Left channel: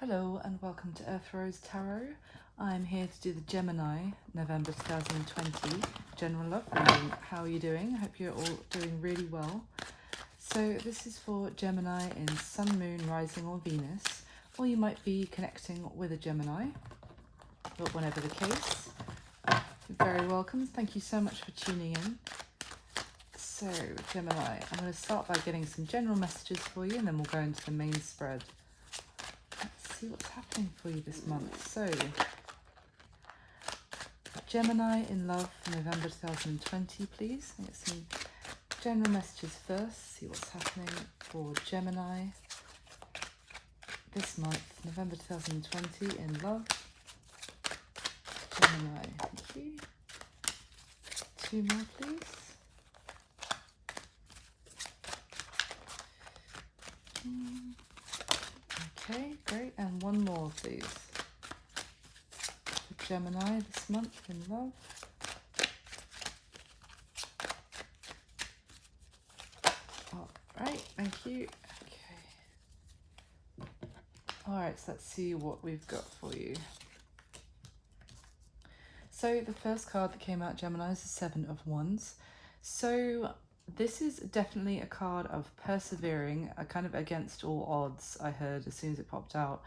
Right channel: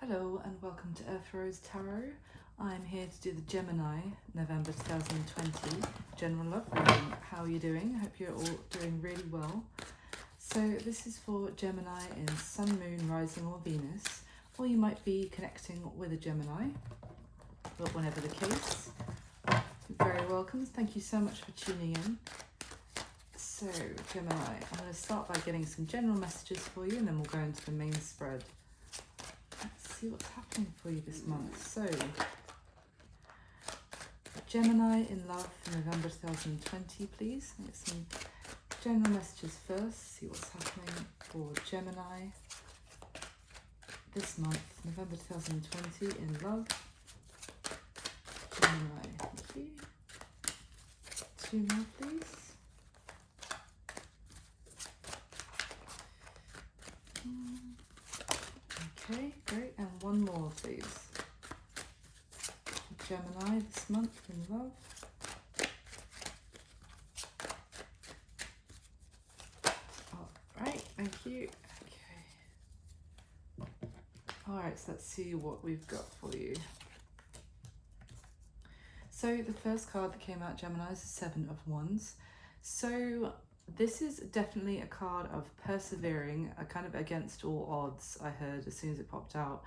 Hello and welcome to Earth Rose Tarot. I'm here to do the Gemini, November 2020 general love reading. How are you doing? I hope you're all doing really well. So this is for Gemini in Sun, Moon, Rising or Venus, or you might be connecting with a Gemini, but whatever the case, you're very welcome. Thank you so much for tuning in. So Gemini, I'm going to start by getting some general messages for you and then we'll go into the main spread. Let's see what's happening for you this month. So, Gemini in love for November 2020, please. I'll get some general messages first. See what's happening for Gemini this month, November 2020 in love. Gemini, thank you. Two more, please. Okay, great. And one more, please. Gemini this month in love. All right, thank you. Okay. All right, so let's see what we've got for you. So the first card that came out, Gemini, is the Seven of Wands. So this is definitely a card of persevering, kind of against all odds, I heard as soon as it popped out.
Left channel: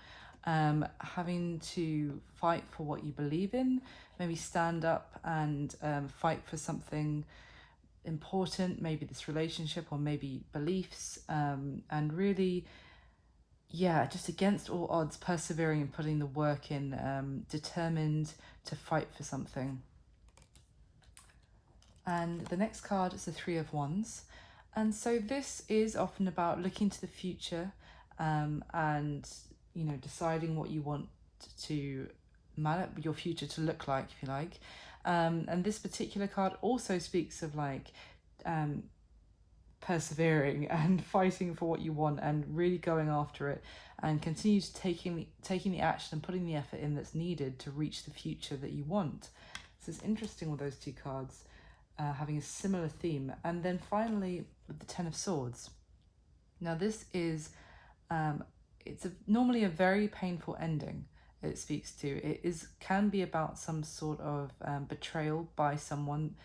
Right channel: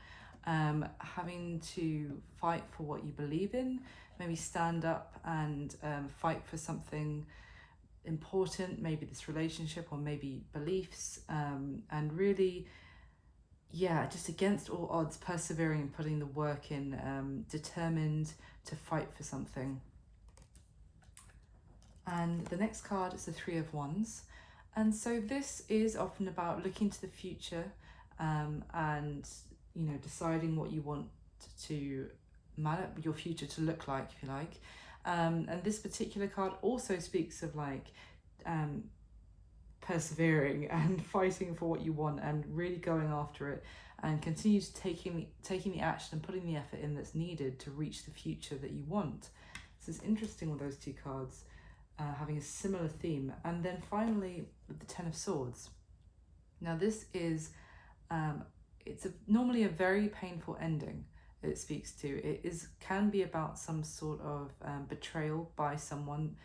Having to fight for what you believe in, maybe stand up and fight for something important, maybe this relationship or maybe beliefs, and really, yeah, just against all odds, persevering and putting the work in, determined to fight for something. And the next card is the Three of Wands. And so this is often about looking to the future and, you know, deciding what you want to your future to look like, if you like. And this particular card also speaks of like persevering and fighting for what you want and really going after it and continue to taking the action and putting the effort in that's needed to reach the future that you want. So it's interesting with those two cards. Having a similar theme. And then finally with the Ten of Swords. Now this is it's normally a very painful ending it speaks to. It can be about some sort of betrayal by someone,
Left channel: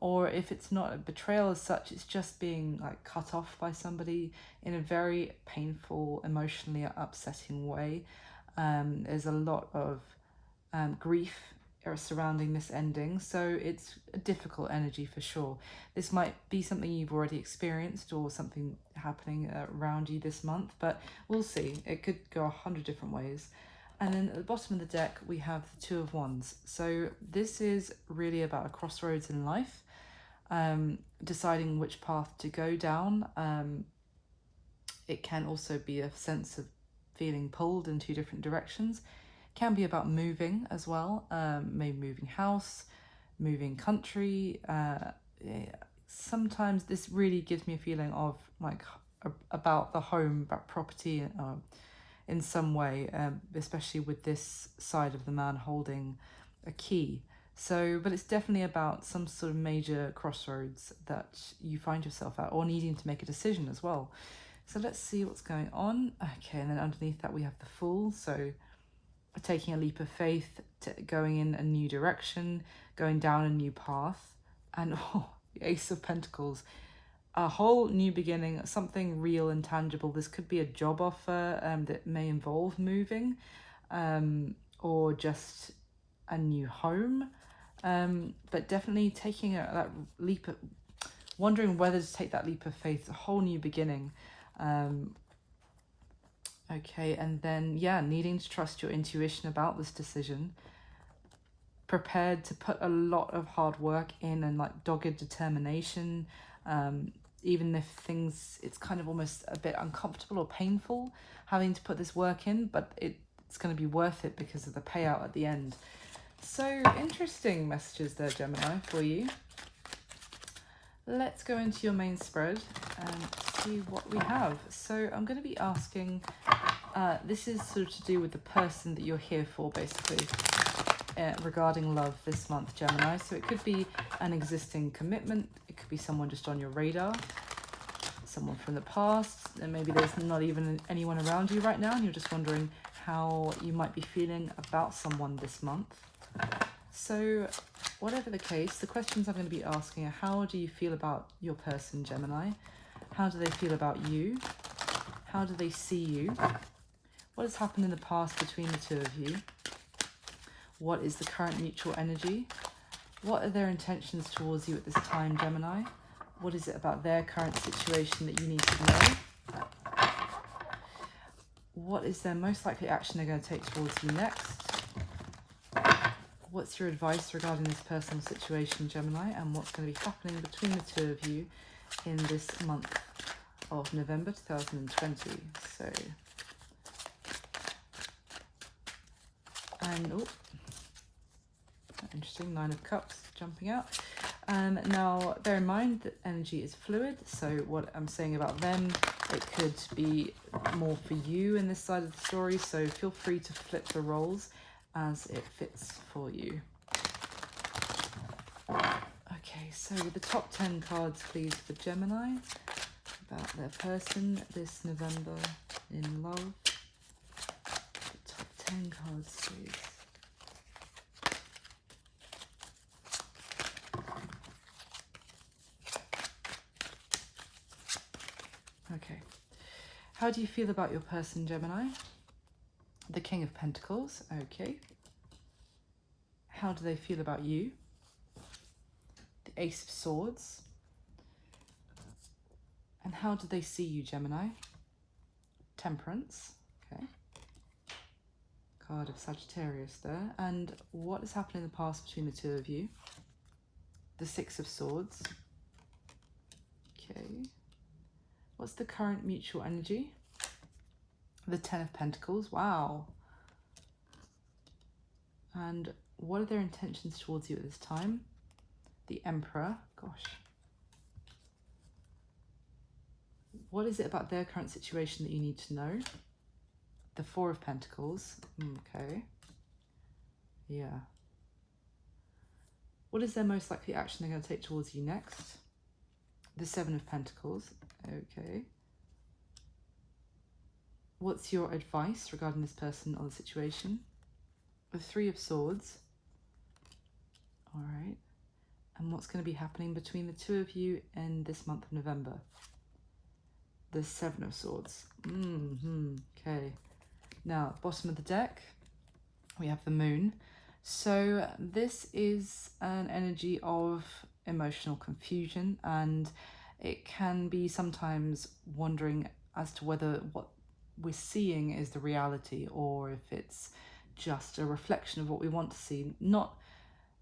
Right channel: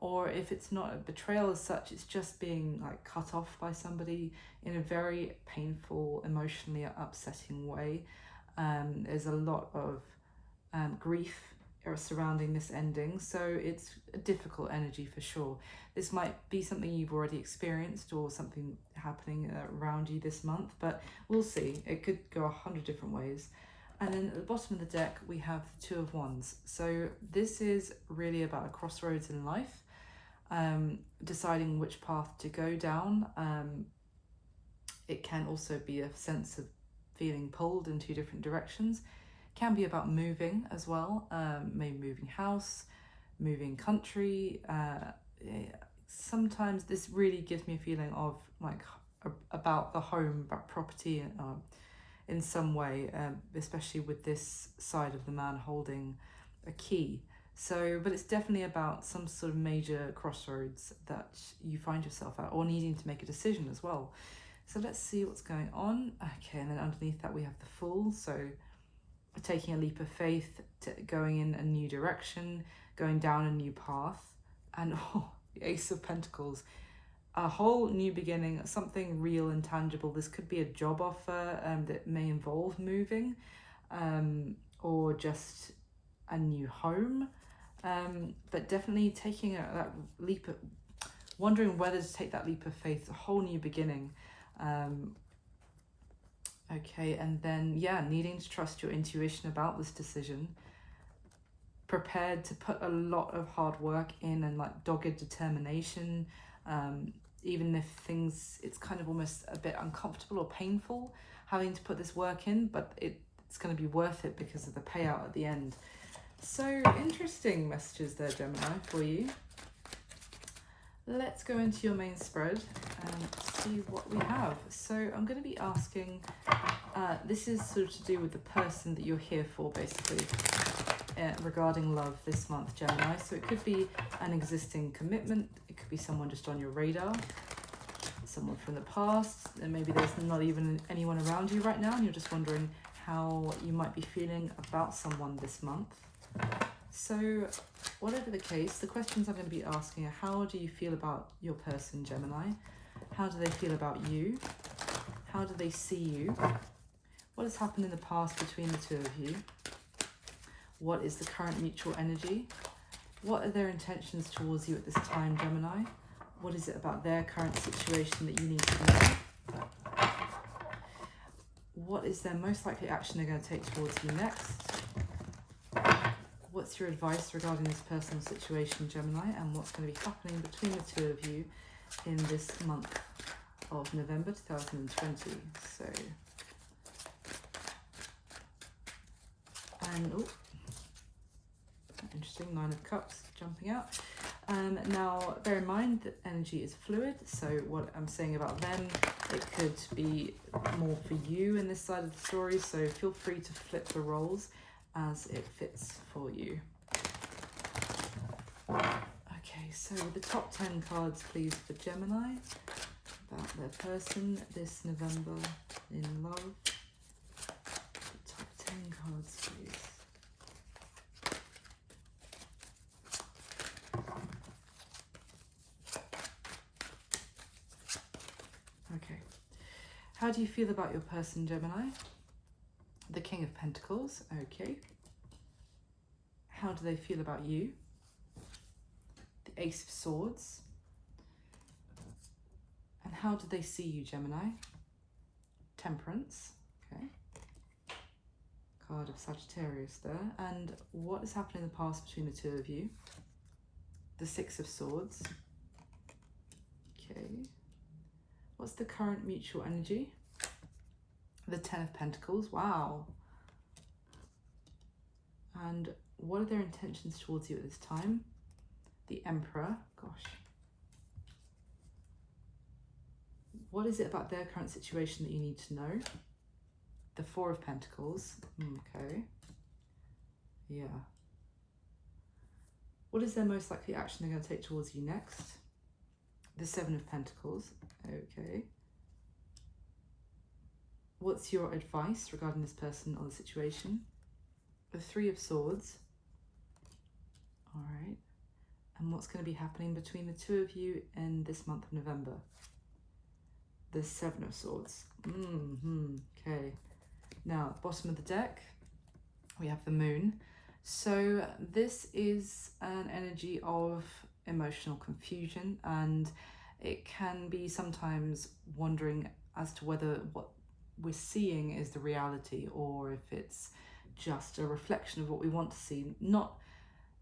or if it's not a betrayal as such, it's just being like cut off by somebody in a very painful, emotionally upsetting way. There's a lot of grief surrounding this ending, so it's a difficult energy for sure. This might be something you've already experienced or something happening around you this month, but we'll see. It could go 100 different ways. And then at the bottom of the deck we have the Two of Wands. So this is really about a crossroads in life, deciding which path to go down. It can also be a sense of feeling pulled in two different directions. Can be about moving as well, maybe moving house, moving country. Sometimes this really gives me a feeling of like about the home, about property in some way, especially with this side of the man holding a key. So, but it's definitely about some sort of major crossroads that you find yourself at, or needing to make a decision as well. So let's see what's going on. Okay, and then underneath that we have the Fool. So taking a leap of faith, going in a new direction, going down a new path. And the Ace of Pentacles, a whole new beginning, something real and tangible. This could be a job offer that may involve moving, or just a new home, but definitely taking that leap, wondering whether to take that leap of faith, a whole new beginning. Okay, and then, yeah, needing to trust your intuition about this decision. Prepared to put a lot of hard work in and like dogged determination, even if it's kind of almost a bit uncomfortable or painful having to put this work in, but it's going to be worth it because of the payout at the end. So interesting messages there, Gemini, for you. Let's go into your main spread and see what we have. So I'm going to be asking, this is sort of to do with the person that you're here for, basically, regarding love this month, Gemini. So it could be an existing commitment, it could be someone just on your radar, someone from the past, and maybe there's not even anyone around you right now and you're just wondering how you might be feeling about someone this month. So whatever the case, the questions I'm going to be asking are, how do you feel about your person, Gemini? How do they feel about you? How do they see you? What has happened in the past between the two of you? What is the current mutual energy? What are their intentions towards you at this time, Gemini? What is it about their current situation that you need to know? What is their most likely action they're going to take towards you next? What's your advice regarding this person's situation, Gemini? And what's going to be happening between the two of you in this month of November 2020? So, and oh, interesting, 9 of Cups jumping out. Now, bear in mind that energy is fluid, so what I'm saying about them, it could be more for you in this side of the story, so feel free to flip the roles as it fits for you. Okay, so the top 10 cards, please, for Gemini, about their person this November in love. The top 10 cards, please. Okay, how do you feel about your person, Gemini? The King of Pentacles, okay. How do they feel about you? The Ace of Swords. And how do they see you, Gemini? Temperance, okay. Card of Sagittarius there. And what has happened in the past between the two of you? The Six of Swords. Okay. What's the current mutual energy? The Ten of Pentacles, wow. And what are their intentions towards you at this time? The Emperor, gosh. What is it about their current situation that you need to know? The Four of Pentacles, okay. Yeah. What is their most likely action they're going to take towards you next? The Seven of Pentacles, okay. What's your advice regarding this person or the situation? The Three of Swords. All right. And what's going to be happening between the two of you in this month of November? The Seven of Swords. Okay. Now, bottom of the deck, we have the Moon. So this is an energy of emotional confusion, and it can be sometimes wondering as to whether what we're seeing is the reality or if it's just a reflection of what we want to see, not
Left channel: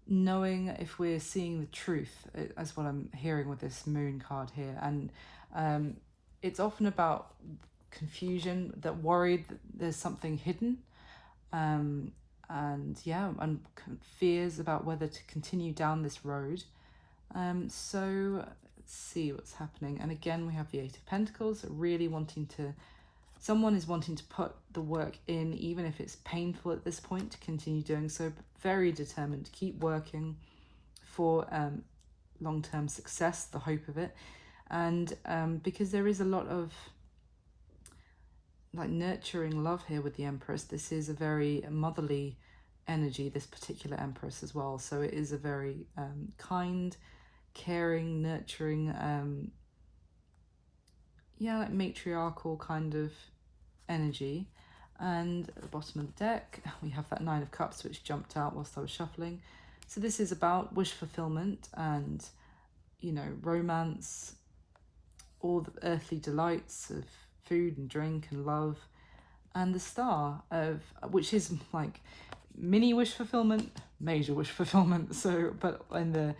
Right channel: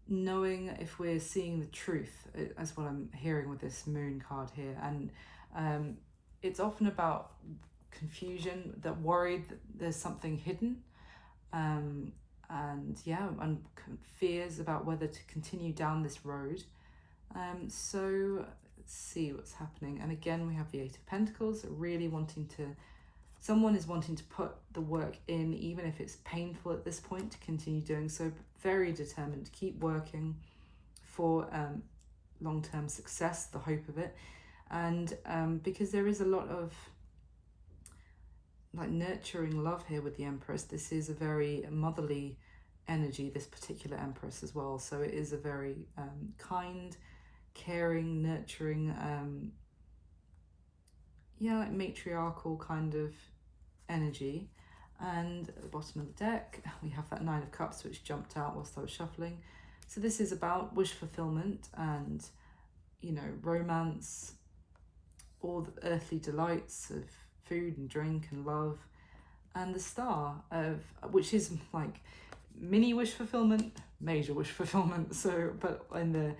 knowing if we're seeing the truth. That's what I'm hearing with this Moon card here. And it's often about confusion, that worried that there's something hidden, and fears about whether to continue down this road. So let's see what's happening. And again, we have the Eight of Pentacles, really wanting to, someone is wanting to put the work in, even if it's painful at this point, to continue doing so, but very determined to keep working for long-term success, the hope of it. And because there is a lot of like nurturing love here with the Empress, this is a very motherly energy, this particular Empress as well. So it is a very kind, caring, nurturing, matriarchal kind of energy. And at the bottom of the deck, we have that Nine of Cups, which jumped out whilst I was shuffling. So this is about wish fulfillment and, romance, all the earthly delights of food and drink and love, and the Star of, which is like mini wish fulfillment, major wish fulfillment. So, but in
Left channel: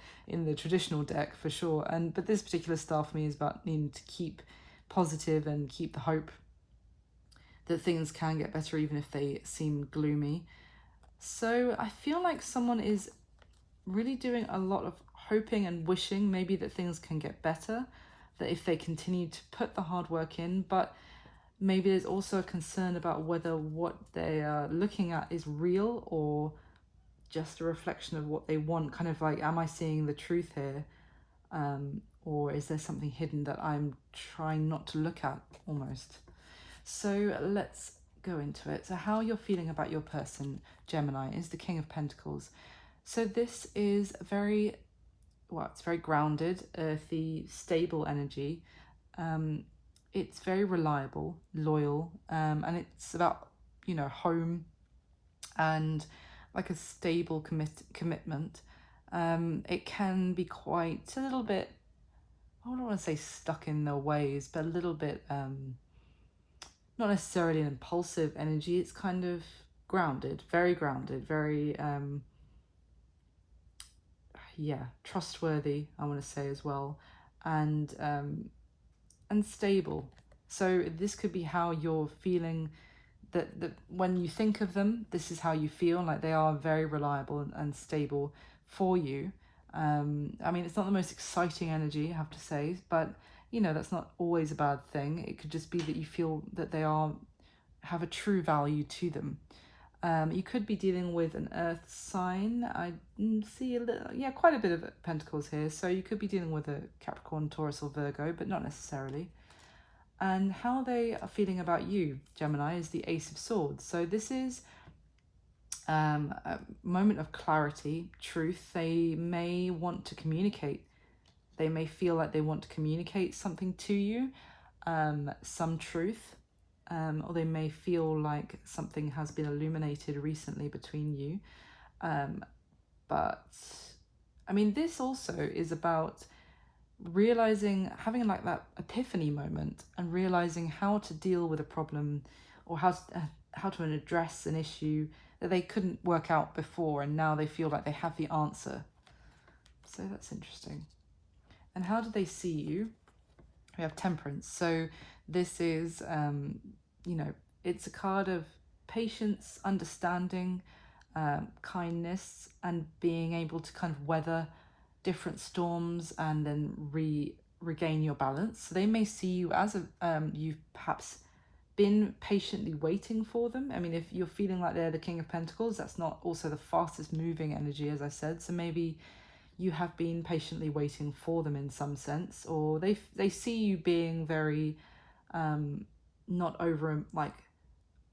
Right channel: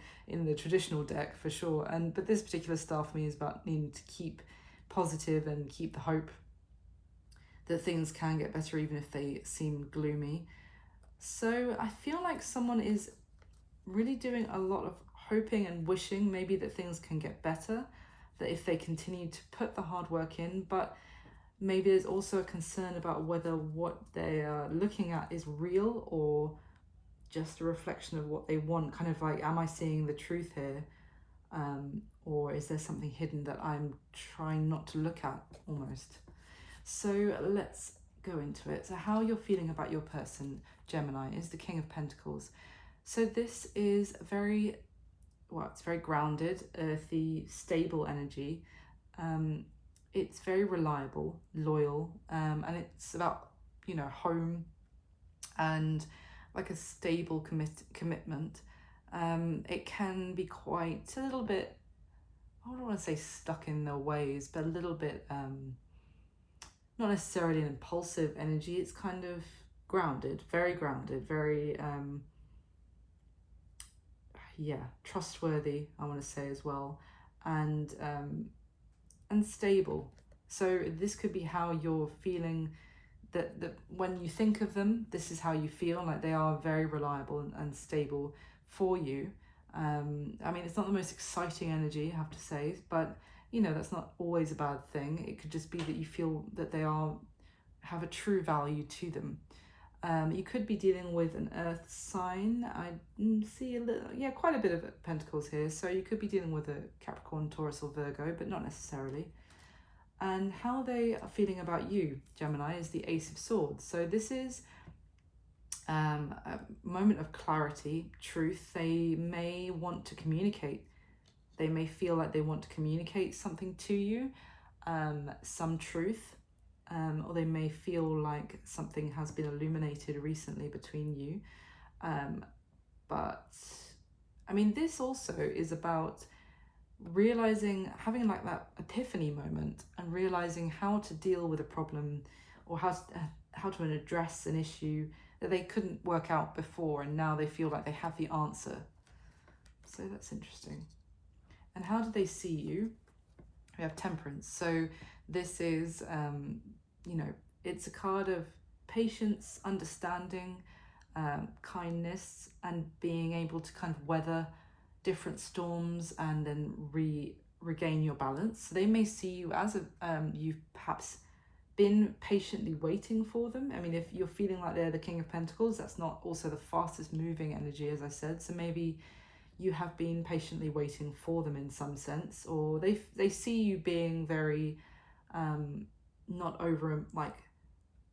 the traditional deck for sure. But this particular Star for me is about needing to keep positive and keep the hope that things can get better even if they seem gloomy. So I feel like someone is really doing a lot of hoping and wishing maybe that things can get better, that if they continue to put the hard work in, but maybe there's also a concern about whether what they are looking at is real or just a reflection of what they want. Kind of like, am I seeing the truth here? Or is there something hidden that I'm trying not to look at almost? So let's go into it. So how you're feeling about your person, Gemini, is the King of Pentacles. So this is very, well, it's very grounded, earthy, stable energy. It's very reliable, loyal, and it's about, you know, home and like a stable commitment. It can be quite a little bit, I don't want to say stuck in their ways, but a little bit, not necessarily an impulsive energy. It's kind of grounded, very, yeah, trustworthy, I want to say as well, and stable. So this could be how you're feeling, that when you think of them, this is how you feel, like they are very reliable and stable for you. I mean, it's not the most exciting energy, I have to say, but you know, that's not always a bad thing. It could just be that you feel that they have a true value to them. You could be dealing with an earth sign. I see quite a bit of pentacles here. So you could be dealing with a Capricorn, Taurus or Virgo, but not necessarily. And how they are feeling about you, Gemini, is the Ace of Swords. So this is a moment of clarity, truth. They may want to communicate. They may feel like they want to communicate something to you, some truth. Or they may feel like something has been illuminated recently between you. But, I mean, this also is about realizing, having like that epiphany moment and realizing how to deal with a problem, or how to address an issue that they couldn't work out before, and now they feel like they have the answer. So that's interesting. And how do they see you? We have Temperance. So this is, you know, it's a card of patience, understanding, kindness, and being able to kind of weather different storms and then regain your balance. So they may see you as you've perhaps been patiently waiting for them. I mean, if you're feeling like they're the King of Pentacles, that's not also the fastest moving energy, as I said. So maybe you have been patiently waiting for them in some sense, or they see you being very not over like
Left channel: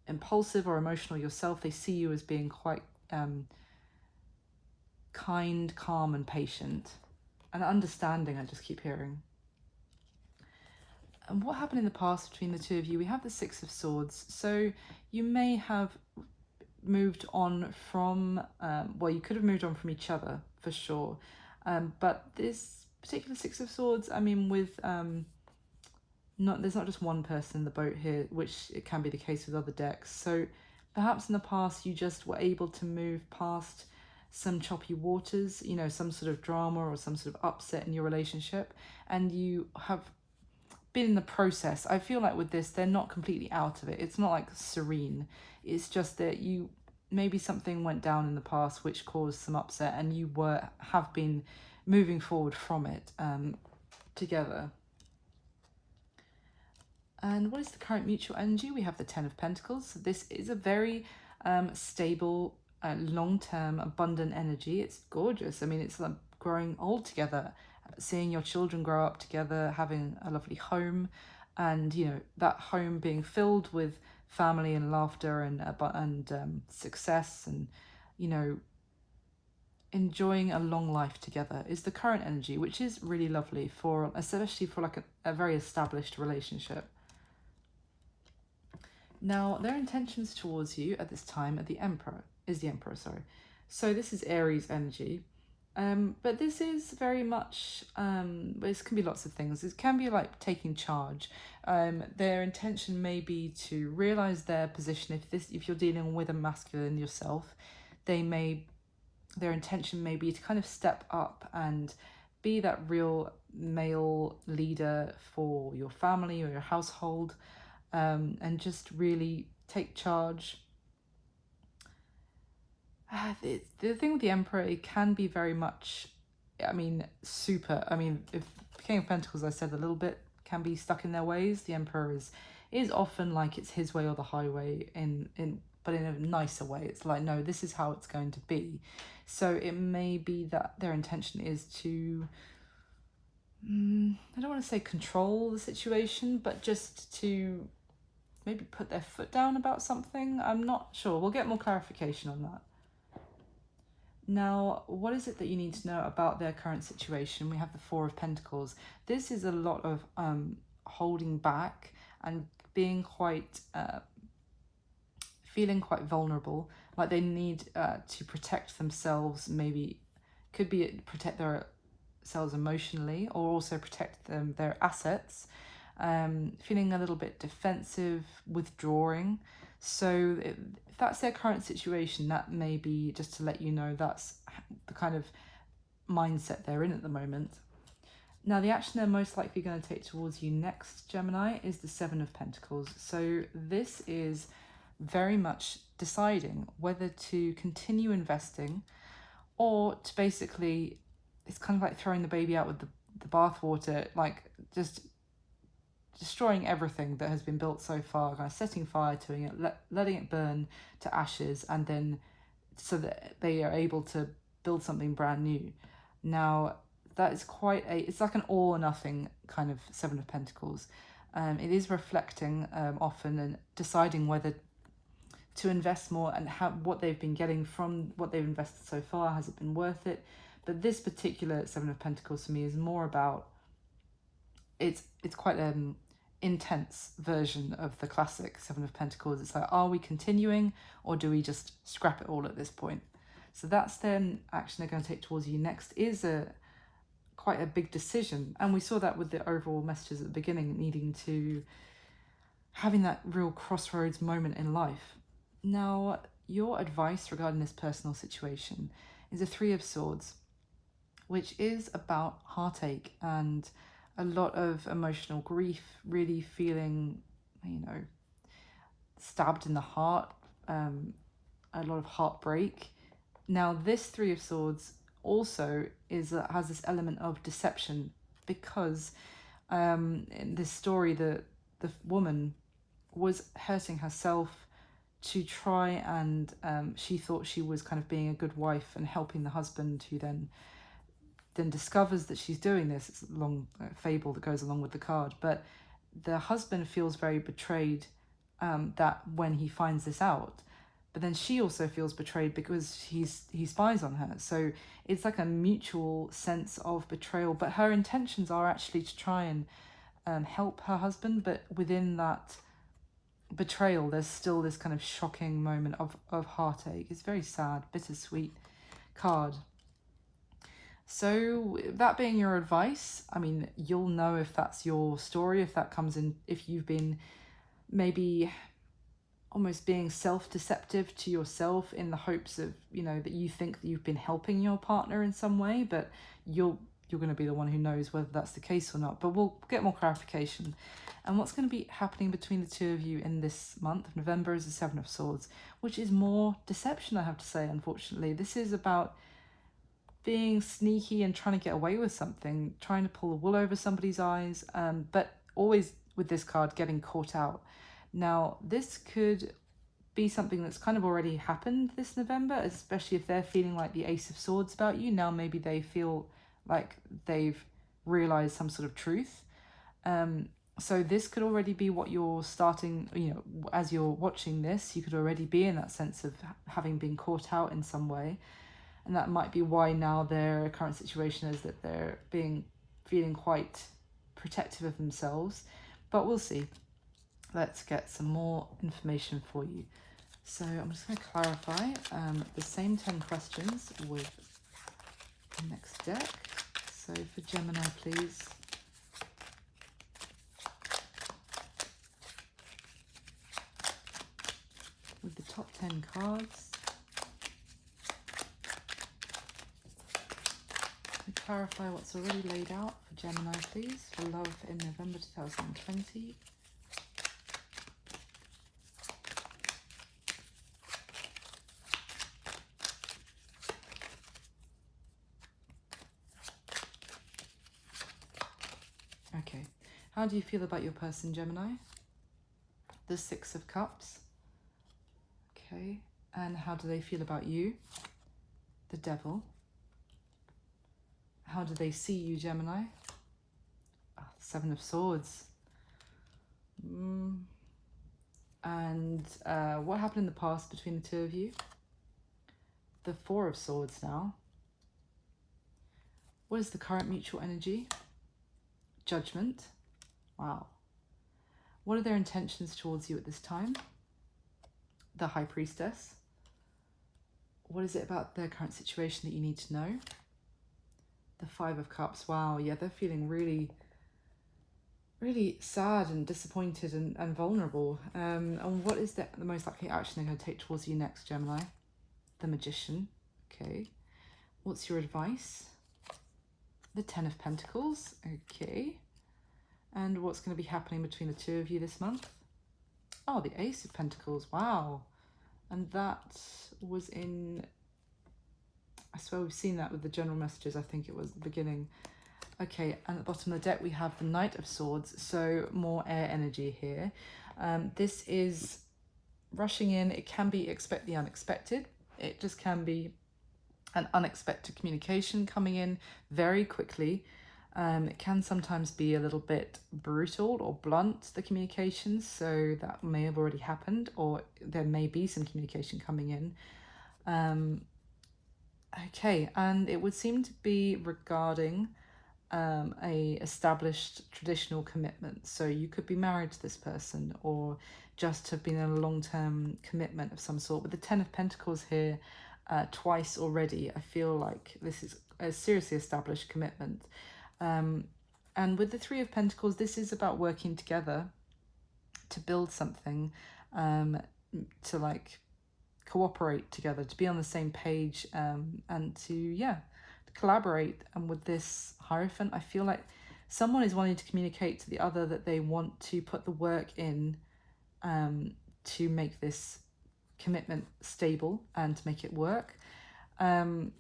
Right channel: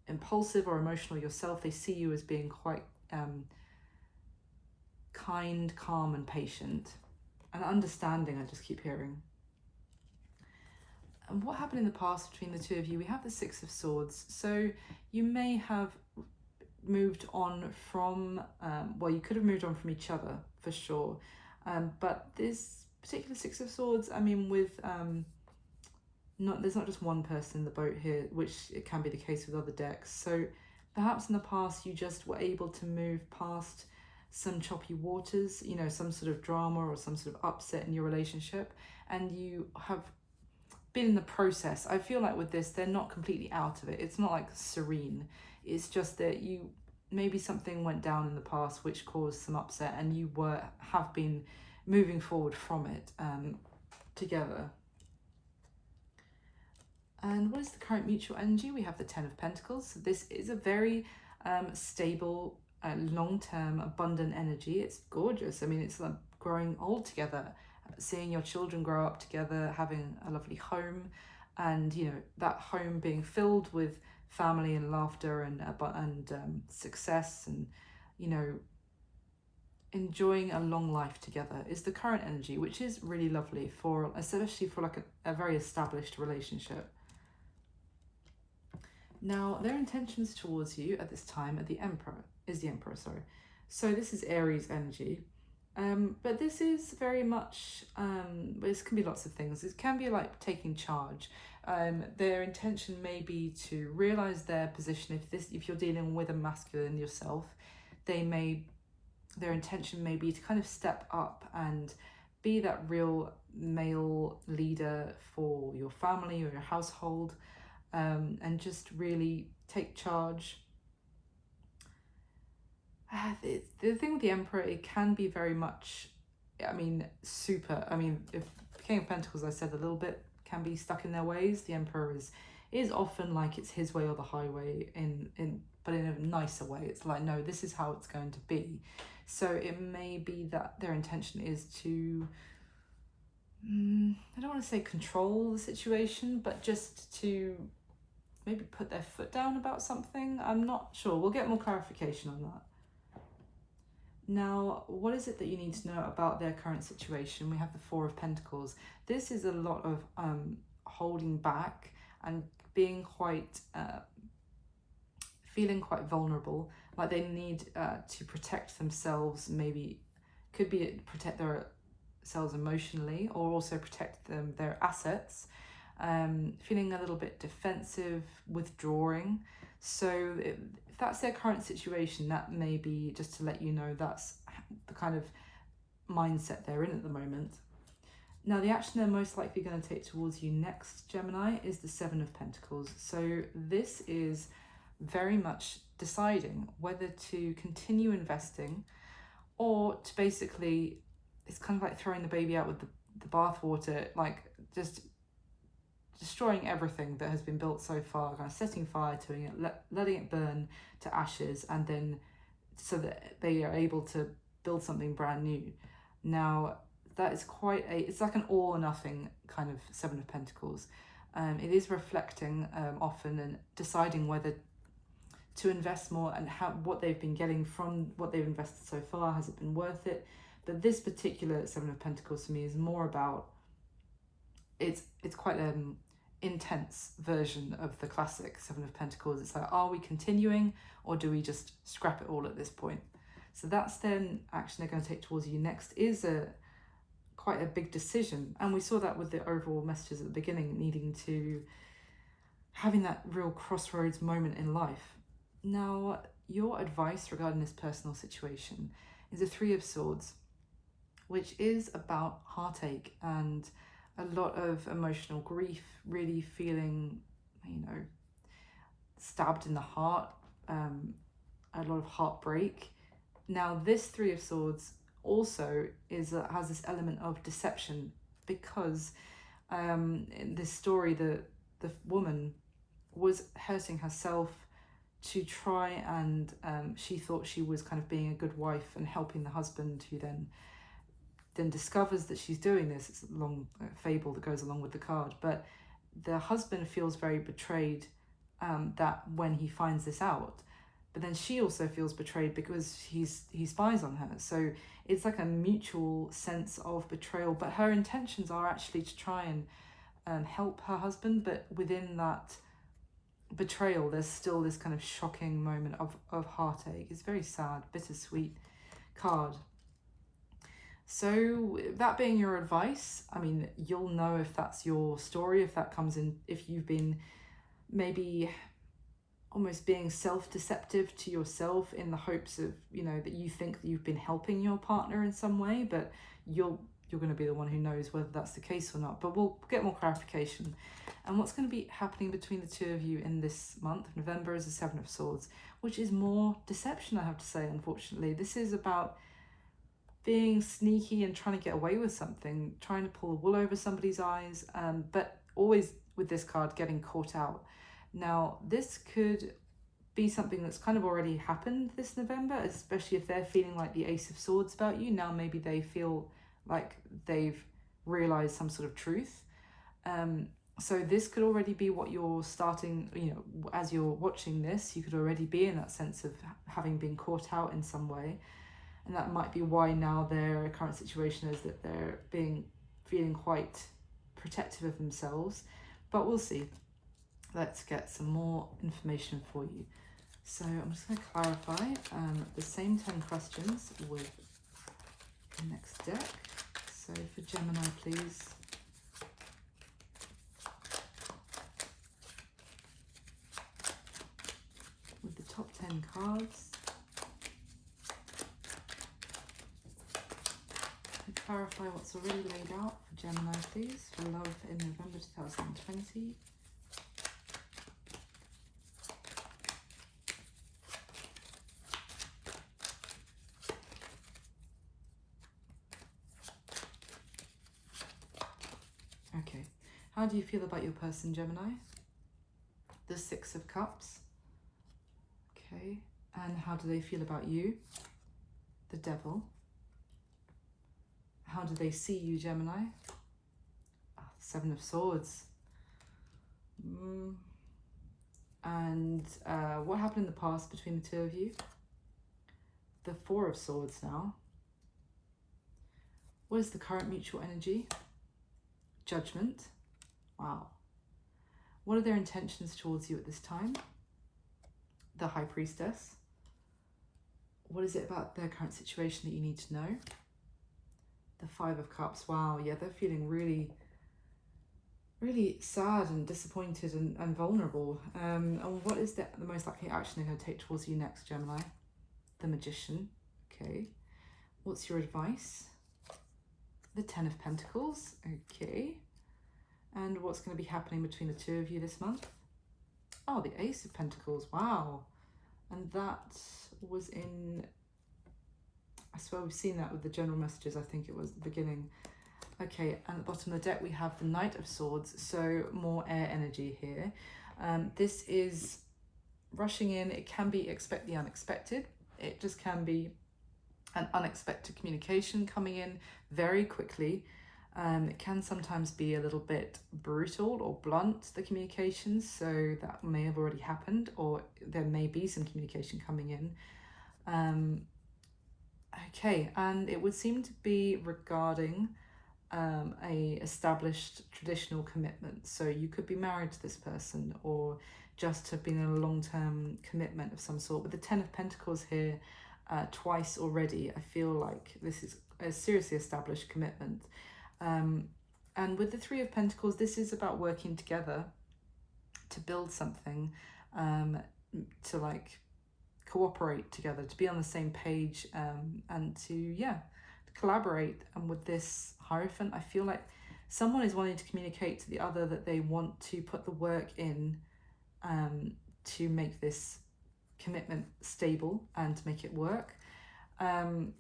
impulsive or emotional yourself. They see you as being quite kind, calm and patient and understanding, I just keep hearing. And what happened in the past between the two of you? We have the Six of Swords. So you may have moved on from, well, you could have moved on from each other for sure. But this particular Six of Swords, I mean, with there's not just one person in the boat here, which it can be the case with other decks. So perhaps in the past you just were able to move past some choppy waters, you know, some sort of drama or some sort of upset in your relationship, and you have been in the process. I feel like with this, they're not completely out of it. It's not like serene. It's just that maybe something went down in the past which caused some upset, and you have been moving forward from it together. And what is the current mutual energy? We have the Ten of Pentacles. This is a very stable, long-term, abundant energy. It's gorgeous. I mean, it's like growing old together, seeing your children grow up together, having a lovely home, and you know, that home being filled with family and laughter and success, and you know, enjoying a long life together is the current energy, which is really lovely especially for like a very established relationship. Now, their intentions towards you at this time is the Emperor, sorry. So this is Aries energy. But this is very much, this can be lots of things. It can be like taking charge. Their intention may be to realize their position. If you're dealing with a masculine yourself, their intention may be to kind of step up and be that real male leader for your family or your household, and just really take charge. The thing with the Emperor, it can be very much, I mean, if King of Pentacles, I said a little bit, can be stuck in their ways. The Emperor is often like it's his way or the highway, but in a nicer way. It's like, no, this is how it's going to be. So it may be that their intention is to, I don't want to say control the situation, but just to maybe put their foot down about something. I'm not sure. We'll get more clarification on that. Now, what is it that you need to know about their current situation? We have the Four of Pentacles. This is a lot of holding back and being quite, feeling quite vulnerable, like they need to protect themselves, maybe could be protect themselves emotionally, or also protect their assets, feeling a little bit defensive, withdrawing. So if that's their current situation, that may be, just to let you know, that's the kind of mindset they're in at the moment. Now, the action they're most likely going to take towards you next, Gemini, is the Seven of Pentacles. So this is very much deciding whether to continue investing, or to basically, it's kind of like throwing the baby out with the bathwater, like just destroying everything that has been built so far, kind of setting fire to it, letting it burn to ashes, and then so that they are able to build something brand new. Now, that is quite it's like an all or nothing kind of Seven of Pentacles. It is reflecting often and deciding whether to invest more, and what they've been getting from what they've invested so far, has it been worth it? But this particular Seven of Pentacles for me is more about, it's quite an intense version of the classic Seven of Pentacles. It's like, are we continuing, or do we just scrap it all at this point? So that's then action they're going to take towards you next, is quite a big decision. And we saw that with the overall messages at the beginning, needing to, having that real crossroads moment in life. Now, your advice regarding this personal situation is a Three of Swords, which is about heartache and a lot of emotional grief, really feeling, stabbed in the heart, a lot of heartbreak. Now, this Three of Swords also has this element of deception, because in this story, the woman was hurting herself to try, and she thought she was kind of being a good wife and helping the husband, who then discovers that she's doing this. It's a long fable that goes along with the card, but the husband feels very betrayed that when he finds this out, but then she also feels betrayed because he spies on her. So it's like a mutual sense of betrayal, but her intentions are actually to try and help her husband, but within that betrayal there's still this kind of shocking moment of heartache. It's very sad, bittersweet card. So that being your advice, I mean, you'll know if that's your story, if that comes in, if you've been maybe almost being self-deceptive to yourself in the hopes of, that you think that you've been helping your partner in some way, but you're going to be the one who knows whether that's the case or not. But we'll get more clarification. And what's going to be happening between the two of you in this month of November is the Seven of Swords, which is more deception, I have to say, unfortunately. This is about being sneaky and trying to get away with something, trying to pull the wool over somebody's eyes, but always with this card getting caught out. Now, this could be something that's kind of already happened this November, especially if they're feeling like the Ace of Swords about you. Now maybe they feel like they've realized some sort of truth. So this could already be what you're starting, as you're watching this, you could already be in that sense of having been caught out in some way. And that might be why now their current situation is that they're feeling quite protective of themselves. But we'll see. Let's get some more information for you. So I'm just going to clarify the same 10 questions with the next deck. So for Gemini, please. With the top 10 cards. Clarify what's already laid out for Gemini, please, for love in November 2020. Okay, how do you feel about your person, Gemini? The Six of Cups. Okay, and how do they feel about you? The Devil. How do they see you, Gemini? Seven of Swords. And what happened in the past between the two of you? The Four of Swords now. What is the current mutual energy? Judgment. Wow. What are their intentions towards you at this time? The High Priestess. What is it about their current situation that you need to know? The Five of Cups. Wow, yeah, they're feeling really, really sad and disappointed and vulnerable. And what is the most likely action they're going to take towards you next, Gemini? The Magician. Okay. What's your advice? The Ten of Pentacles. Okay. And what's going to be happening between the two of you this month? Oh, the Ace of Pentacles. Wow. And that was in, I swear we've seen that with the general messages. I think it was the beginning. Okay, and at the bottom of the deck we have the Knight of Swords, so more air energy here. This is rushing in. It can be expect the unexpected. It just can be an unexpected communication coming in very quickly. It can sometimes be a little bit brutal or blunt, the communications, so that may have already happened, or there may be some communication coming in. Okay, and it would seem to be regarding a established traditional commitment. So you could be married to this person or just have been in a long-term commitment of some sort. With the Ten of Pentacles here twice already, I feel like this is a seriously established commitment. And with the Three of Pentacles, this is about working together to build something, to like cooperate together, to be on the same page, and to collaborate. And with this Hierophant, I feel like someone is wanting to communicate to the other that they want to put the work in to make this commitment stable and to make it work. And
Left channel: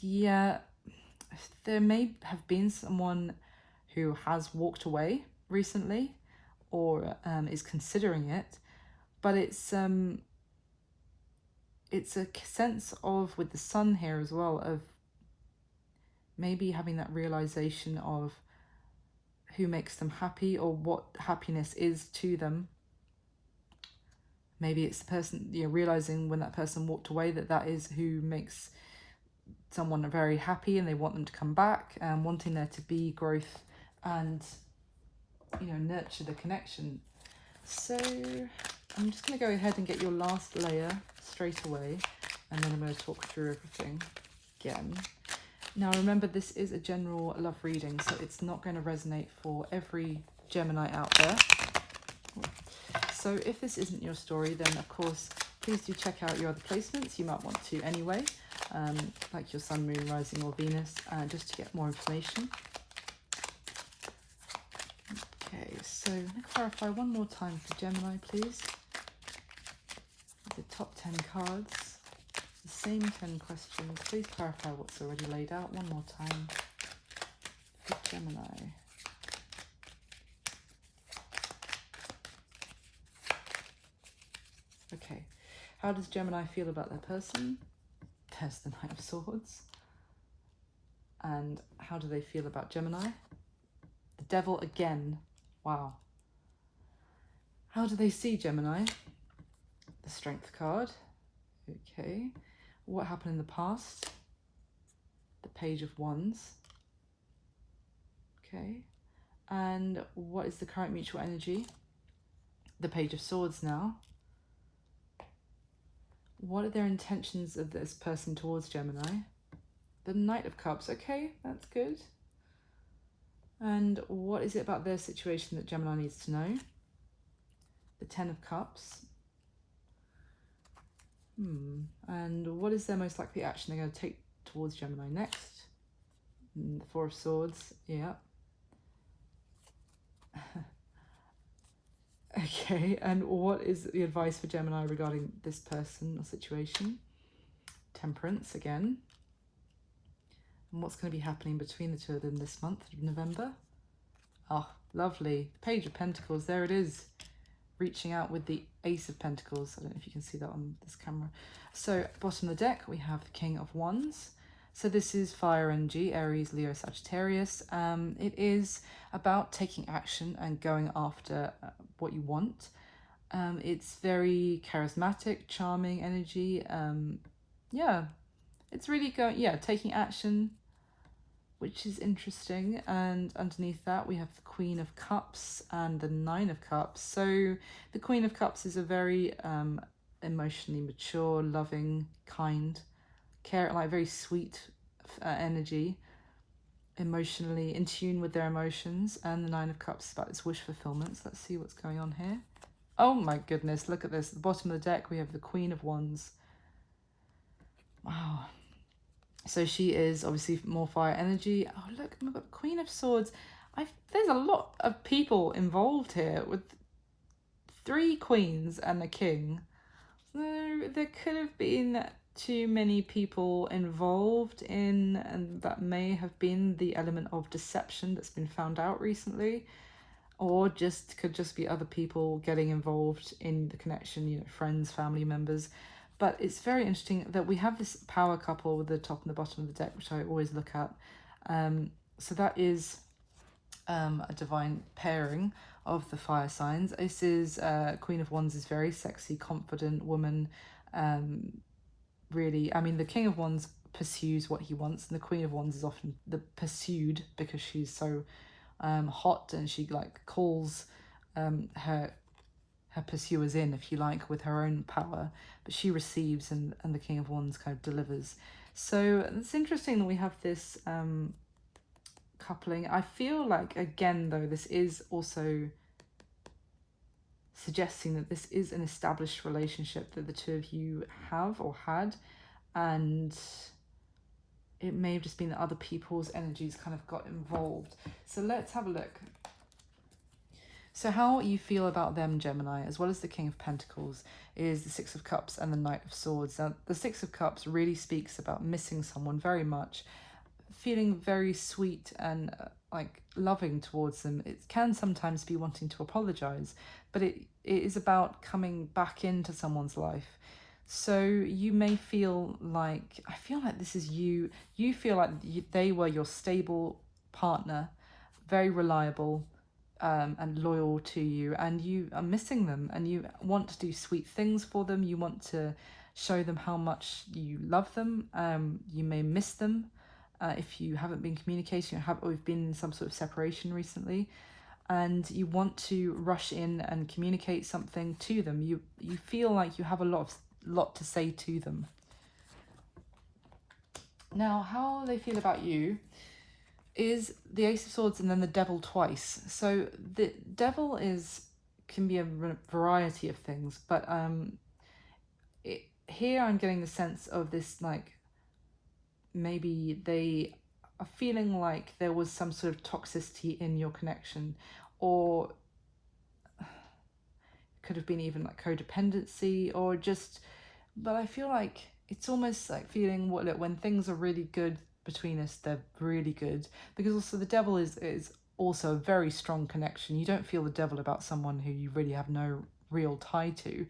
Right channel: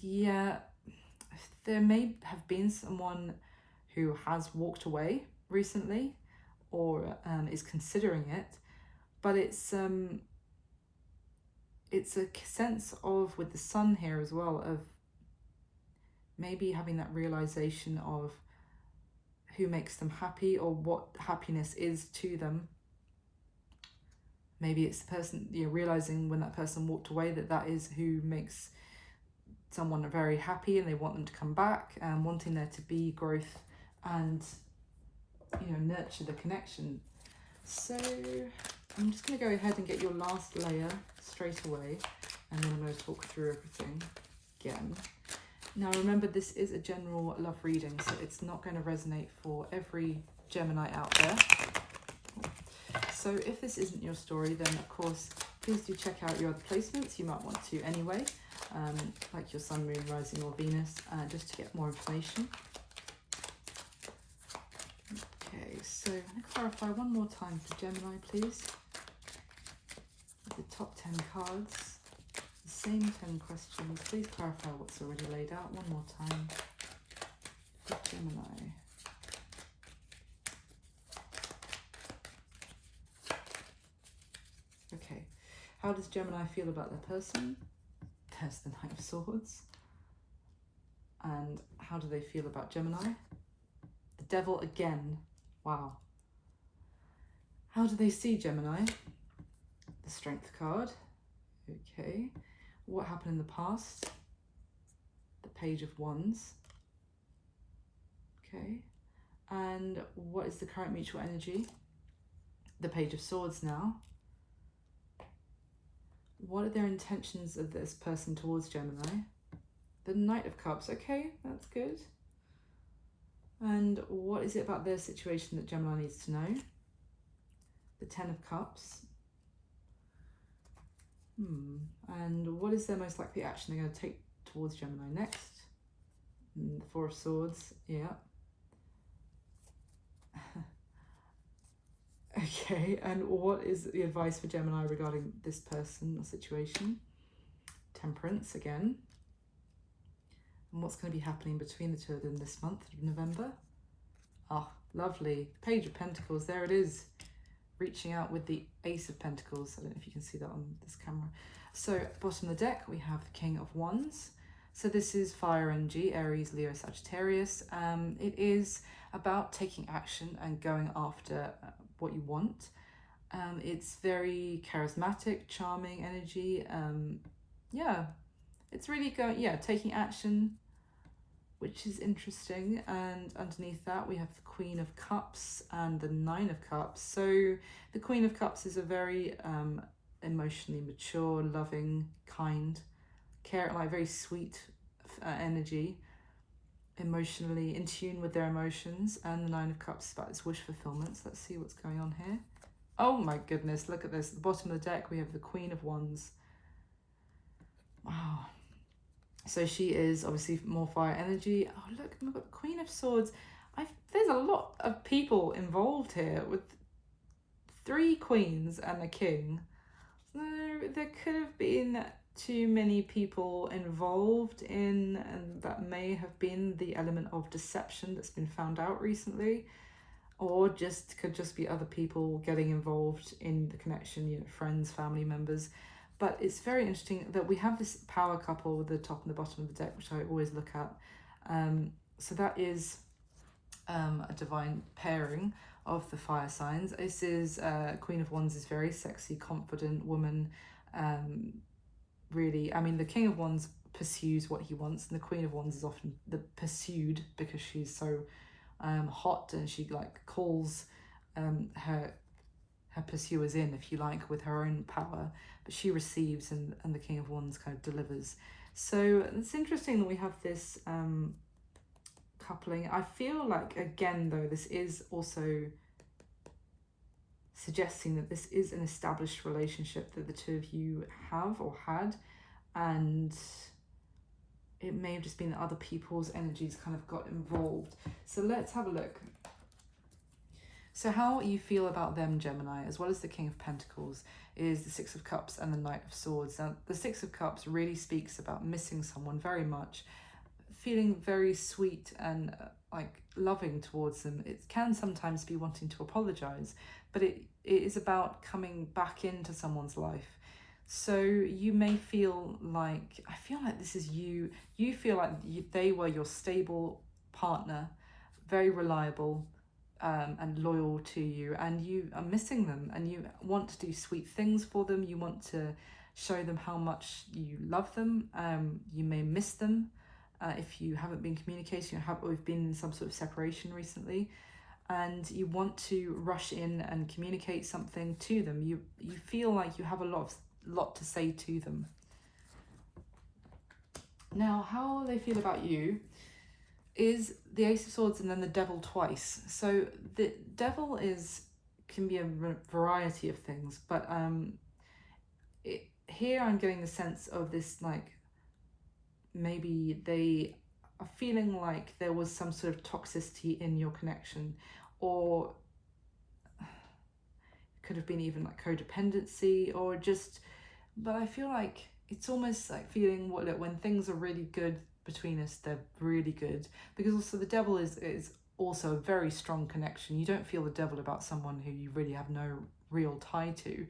yeah, there may have been someone who has walked away recently or is considering it, but it's a sense of, with the Sun here as well, of maybe having that realization of who makes them happy or what happiness is to them. Maybe it's the person, realizing when that person walked away that is who makes someone very happy, and they want them to come back, and wanting there to be growth and nurture the connection. So I'm just going to go ahead and get your last layer straight away, and then I'm going to talk through everything again. Now remember, this is a general love reading, so it's not going to resonate for every Gemini out there. So if this isn't your story, then of course please do check out your other placements. You might want to anyway, like your Sun, Moon, Rising or Venus, just to get more information. Okay, so I'm going to clarify one more time for Gemini, please. The top 10 cards, the same 10 questions. Please clarify what's already laid out one more time for Gemini. Okay, how does Gemini feel about their person? There's the Knight of Swords. And how do they feel about Gemini? The Devil again. Wow. How do they see Gemini? The Strength card. Okay. What happened in the past? The Page of Wands. Okay. And what is the current mutual energy? The Page of Swords now. What are their intentions of this person towards Gemini? The Knight of Cups. Okay, that's good. And what is it about their situation that Gemini needs to know? The Ten of Cups. And what is their most likely action they're going to take towards Gemini next? The Four of Swords. Yeah. Okay, and what is the advice for Gemini regarding this person or situation? Temperance again. And what's going to be happening between the two of them this month of November? Oh, lovely. Page of Pentacles, there it is. Reaching out with the Ace of Pentacles. I don't know if you can see that on this camera. So, bottom of the deck, we have the King of Wands. So this is fire energy, Aries, Leo, Sagittarius. It is about taking action and going after what you want. It's very charismatic, charming energy. Yeah, it's really taking action, which is interesting. And underneath that, we have the Queen of Cups and the Nine of Cups. So the Queen of Cups is a very emotionally mature, loving, kind, like very sweet energy, emotionally in tune with their emotions. And the Nine of Cups is about its wish fulfillment. So let's see what's going on here. Oh my goodness, look at this. At the bottom of the deck, we have the Queen of Wands. Wow. So she is obviously more fire energy. Oh, look, we've got Queen of Swords. There's a lot of people involved here with 3 queens and a king. So there could have been too many people involved in, and that may have been the element of deception that's been found out recently, or could just be other people getting involved in the connection, friends, family members. But it's very interesting that we have this power couple with the top and the bottom of the deck, which I always look at. So that is a divine pairing of the fire signs. This is Queen of Wands is very sexy, confident woman. Really, I mean, the King of Wands pursues what he wants, and the Queen of Wands is often the pursued because she's so hot, and she calls her pursuers in, if you like, with her own power, but she receives, and the King of Wands kind of delivers. So it's interesting that we have this coupling. I feel like, again though, this is also suggesting that this is an established relationship that the two of you have or had, and it may have just been that other people's energies kind of got involved. So let's have a look. So how you feel about them, Gemini, as well as the King of Pentacles, is the Six of Cups and the Knight of Swords. Now, the Six of Cups really speaks about missing someone very much, feeling very sweet and loving towards them. It can sometimes be wanting to apologize, but it is about coming back into someone's life. So you may feel like, I feel like this is you feel like they were your stable partner, very reliable, and loyal to you, and you are missing them, and you want to do sweet things for them. You want to show them how much you love them. You may miss them if you haven't been communicating or have been in some sort of separation recently, and you want to rush in and communicate something to them. You feel like you have a lot to say to them. Now, how they feel about you is the Ace of Swords and then the Devil twice. So the Devil can be a variety of things, but here I'm getting the sense of this, maybe they are feeling like there was some sort of toxicity in your connection, or could have been even codependency, or but I feel like it's almost like feeling when things are really good between us, they're really good, because also the Devil is also a very strong connection. You don't feel the Devil about someone who you really have no real tie to.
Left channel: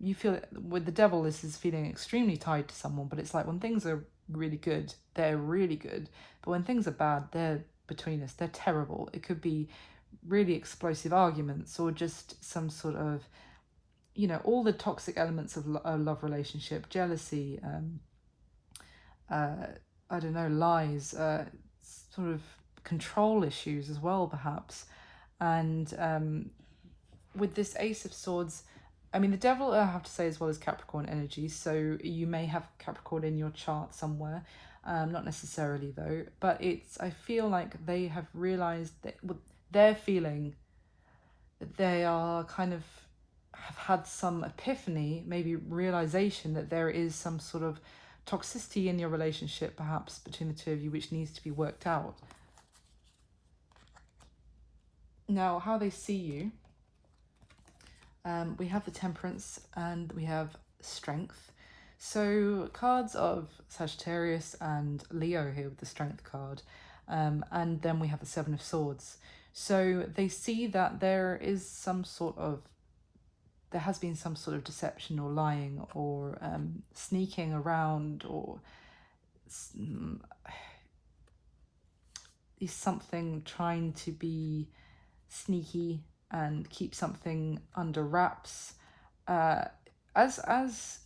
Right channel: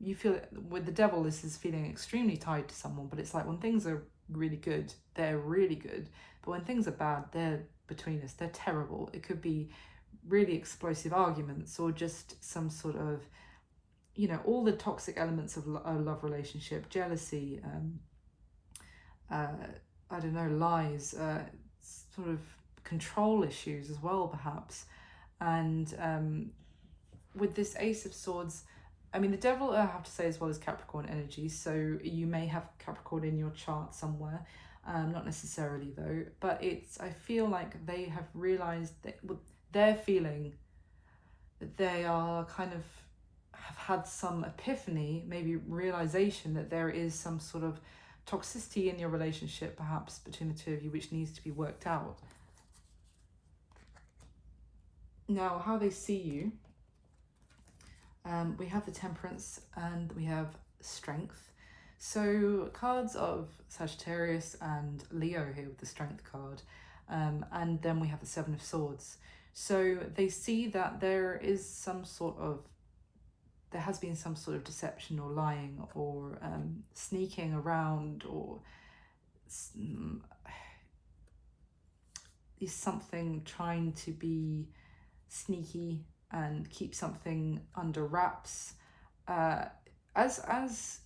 You feel it with the Devil, this is feeling extremely tied to someone, but it's like when things are really good, they're really good, but when things are bad, they're between us, they're terrible. It could be really explosive arguments, or just some sort of, all the toxic elements of a love relationship, jealousy, I don't know, lies, sort of control issues as well, perhaps. And with this Ace of Swords, I mean, the Devil, I have to say, as well as Capricorn energy, so you may have Capricorn in your chart somewhere, not necessarily though, but I feel like they have realised that they're feeling that they are have had some epiphany, maybe realisation that there is some sort of toxicity in your relationship, perhaps between the two of you, which needs to be worked out. Now, how they see you, we have the Temperance and we have Strength. So cards of Sagittarius and Leo here with the Strength card, and then we have the Seven of Swords. So they see that there has been some sort of deception or lying, or sneaking around, or is something trying to be sneaky and keep something under wraps, as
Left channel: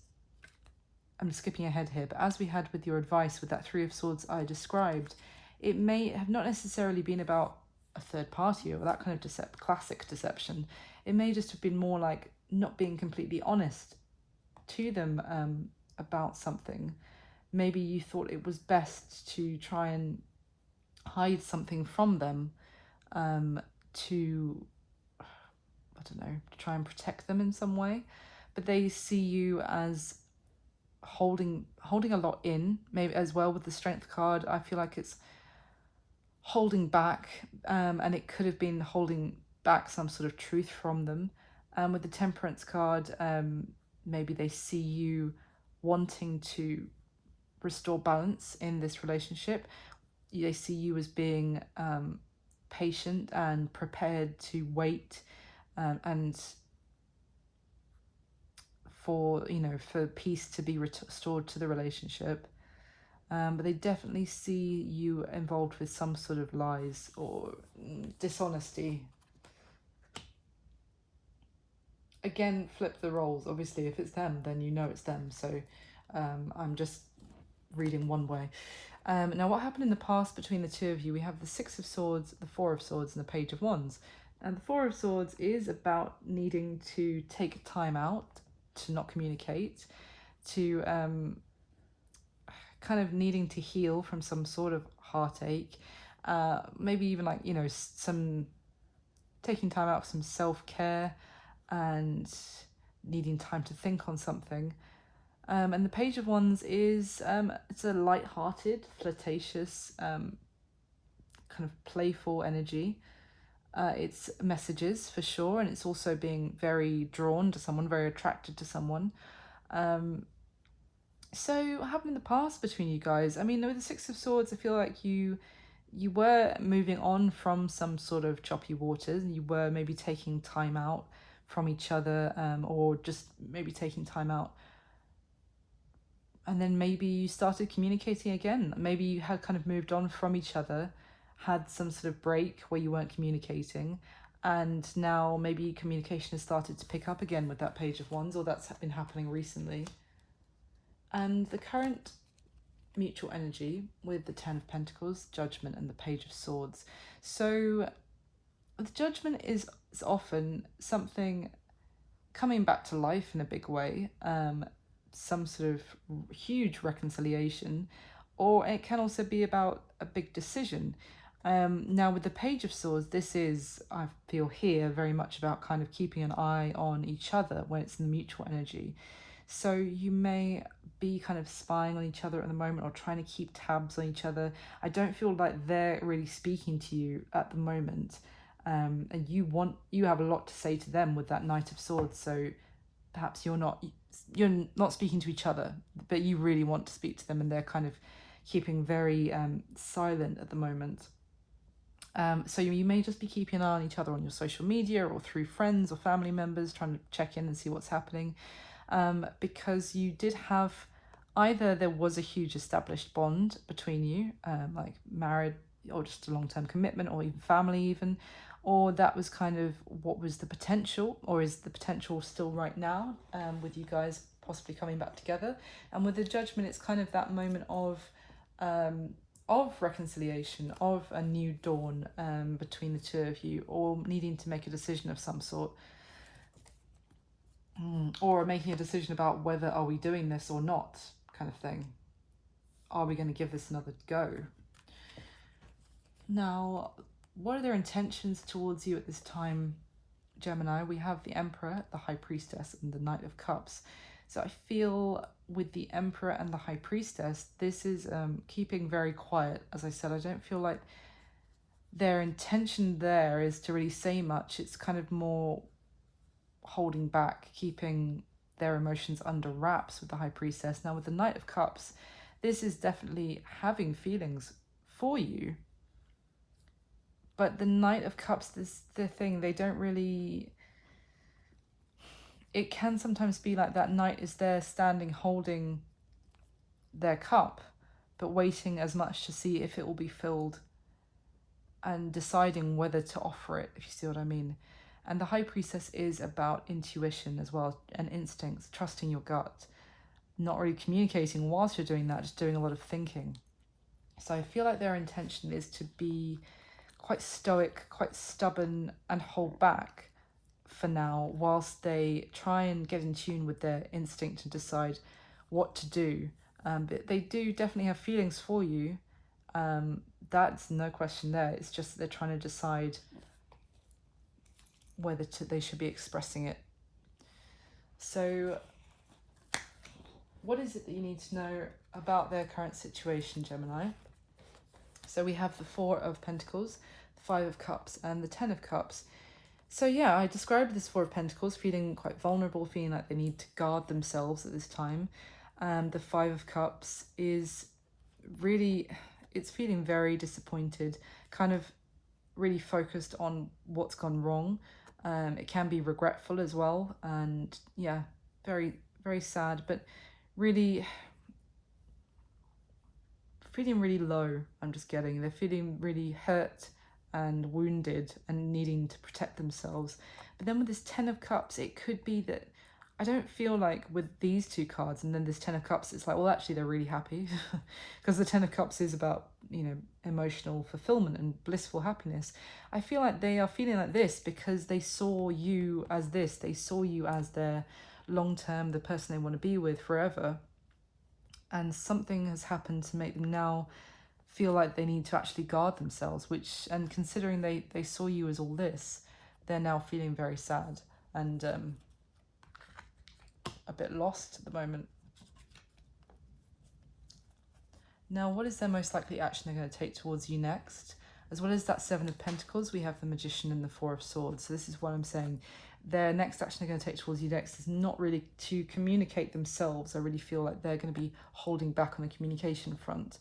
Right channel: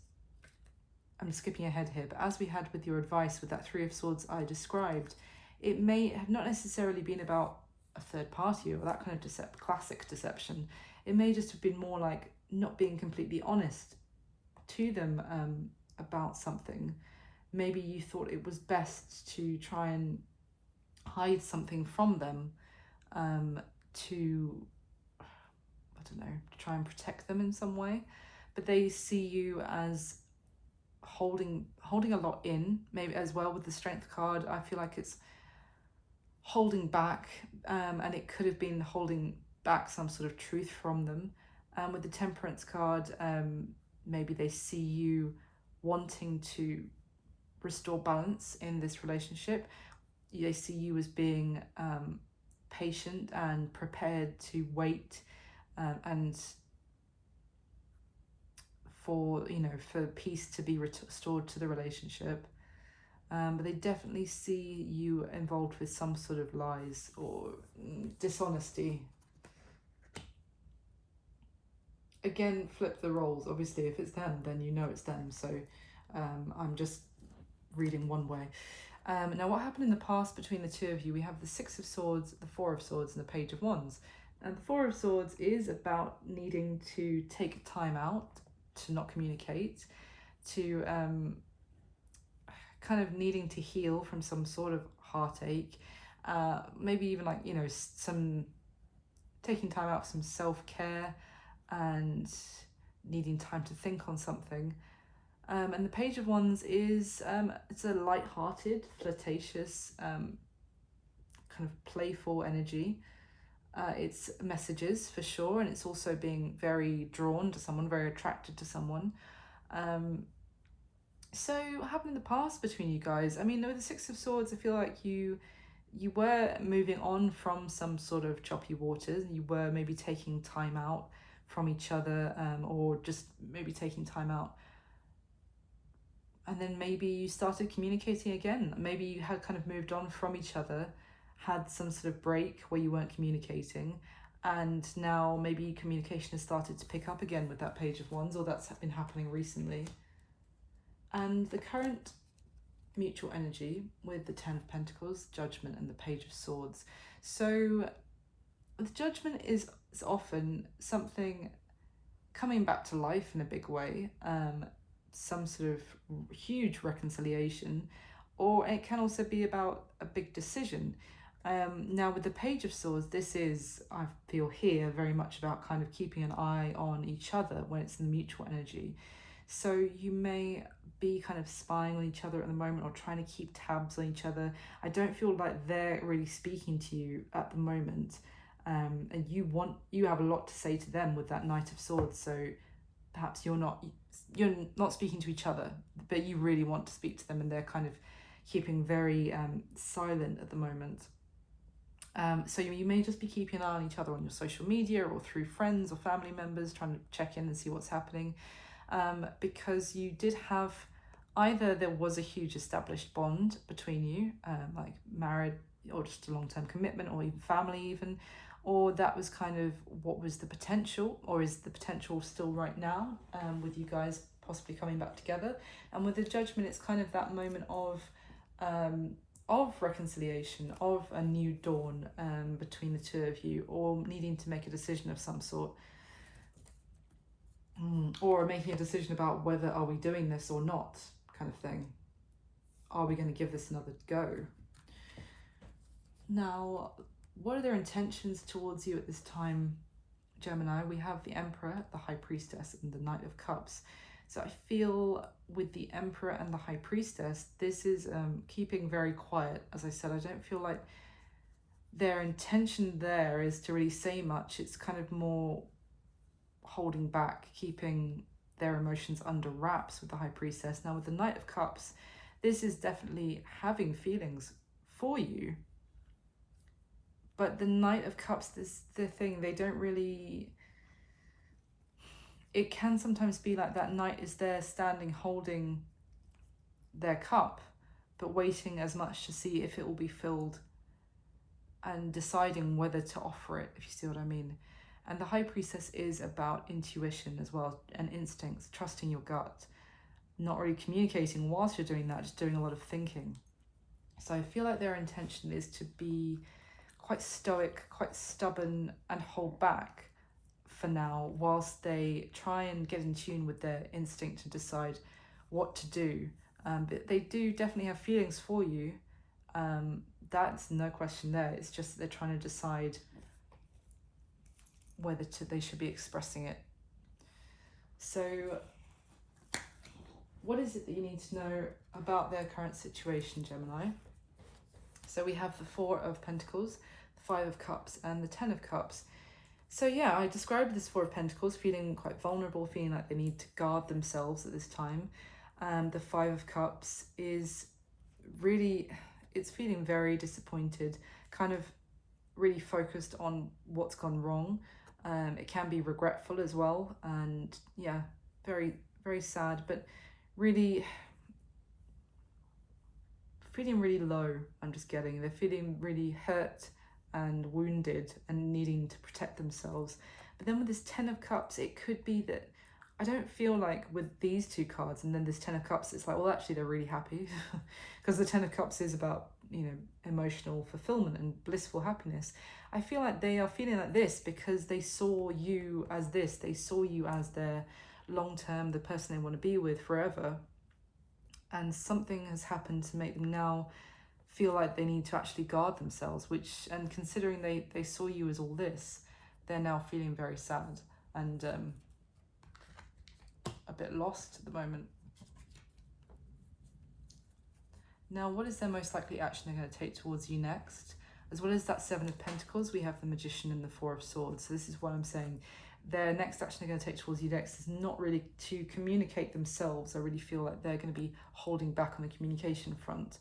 I'm skipping ahead here, but as we had with your advice with that Three of Swords I described, it may have not necessarily been about a third party or that kind of classic deception. It may just have been more like not being completely honest to them about something. Maybe you thought it was best to try and hide something from them, to, I don't know, to try and protect them in some way. But they see you as holding a lot in, maybe as well with the Strength card. I feel like it's holding back, and it could have been holding back some sort of truth from them. With the Temperance card, maybe they see you wanting to restore balance in this relationship. They see you as being patient and prepared to wait, and for peace to be restored to the relationship. But they definitely see you involved with some sort of lies or dishonesty. Again, flip the roles. Obviously, if it's them, then you know it's them. So I'm just reading one way. Now, what happened in the past between the two of you? We have the Six of Swords, the Four of Swords, and the Page of Wands. And the Four of Swords is about needing to take time out to not communicate, to kind of needing to heal from some sort of heartache, maybe even like, some taking time out for some self-care and needing time to think on something. And the Page of Wands is, it's a light-hearted, flirtatious, kind of playful energy. It's messages for sure, and it's also being very drawn to someone, very attracted to someone. So what happened in the past between you guys? I mean, with the Six of Swords, I feel like you were moving on from some sort of choppy waters. You were maybe taking time out from each other, or just maybe taking time out. And then maybe you started communicating again. Maybe you had kind of moved on from each other, had some sort of break where you weren't communicating, and now maybe communication has started to pick up again with that Page of Wands, or that's been happening recently. And the current mutual energy with the Ten of Pentacles, Judgment, and the Page of Swords. So the Judgment is often something coming back to life in a big way, some sort of huge reconciliation, or it can also be about a big decision. Now with the Page of Swords, this is, I feel here, very much about kind of keeping an eye on each other when it's in the mutual energy. So you may be kind of spying on each other at the moment, or trying to keep tabs on each other. I don't feel like they're really speaking to you at the moment, and you have a lot to say to them with that Knight of Swords. So perhaps you're not speaking to each other, but you really want to speak to them, and they're kind of keeping very silent at the moment. So you may just be keeping an eye on each other on your social media or through friends or family members, trying to check in and see what's happening, because you did have, either there was a huge established bond between you, like married or just a long-term commitment, or even family even, or that was kind of what was the potential, or is the potential still right now, with you guys possibly coming back together. And with the Judgment, it's kind of that moment of reconciliation, of a new dawn between the two of you, or needing to make a decision of some sort, or making a decision about whether are we doing this or not, kind of thing. Are we going to give this another go? Now, what are their intentions towards you at this time, Gemini? We have the Emperor, the High Priestess, and the Knight of Cups. So I feel with the Emperor and the High Priestess, this is keeping very quiet. As I said, I don't feel like their intention there is to really say much. It's kind of more holding back, keeping their emotions under wraps with the High Priestess. Now with the Knight of Cups, this is definitely having feelings for you. But the Knight of Cups, the thing, they don't really... It can sometimes be like that knight is there standing holding their cup, but waiting as much to see if it will be filled and deciding whether to offer it, if you see what I mean. And the High Priestess is about intuition as well, and instincts, trusting your gut, not really communicating whilst you're doing that, just doing a lot of thinking. So I feel like their intention is to be quite stoic, quite stubborn, and hold back for now, whilst they try and get in tune with their instinct and decide what to do. But they do definitely have feelings for you. That's no question there. It's just that they're trying to decide whether they should be expressing it. So what is it that you need to know about their current situation, Gemini? So we have the Four of Pentacles, the Five of Cups, and the Ten of Cups. So yeah, I described this Four of Pentacles feeling quite vulnerable, feeling like they need to guard themselves at this time. And the Five of Cups is really, it's feeling very disappointed, kind of really focused on what's gone wrong. It can be regretful as well, and yeah, very, very sad, but really feeling really low. I'm just getting, they're feeling really hurt and wounded and needing to protect themselves. But then with this Ten of Cups, it could be that, I don't feel like with these two cards and then this Ten of Cups, it's like, well, actually they're really happy because the Ten of Cups is about, you know, emotional fulfillment and blissful happiness. I feel like they are feeling like this because they saw you as this. They saw you as their long-term, the person they want to be with forever. And something has happened to make them now feel like they need to actually guard themselves, which, and considering they saw you as all this, they're now feeling very sad and a bit lost at the moment. Now, what is their most likely action they're going to take towards you next? As well as that Seven of Pentacles, we have the Magician and the Four of Swords. So this is what I'm saying. Their next action they're going to take towards you next is not really to communicate themselves. I really feel like they're going to be holding back on the communication front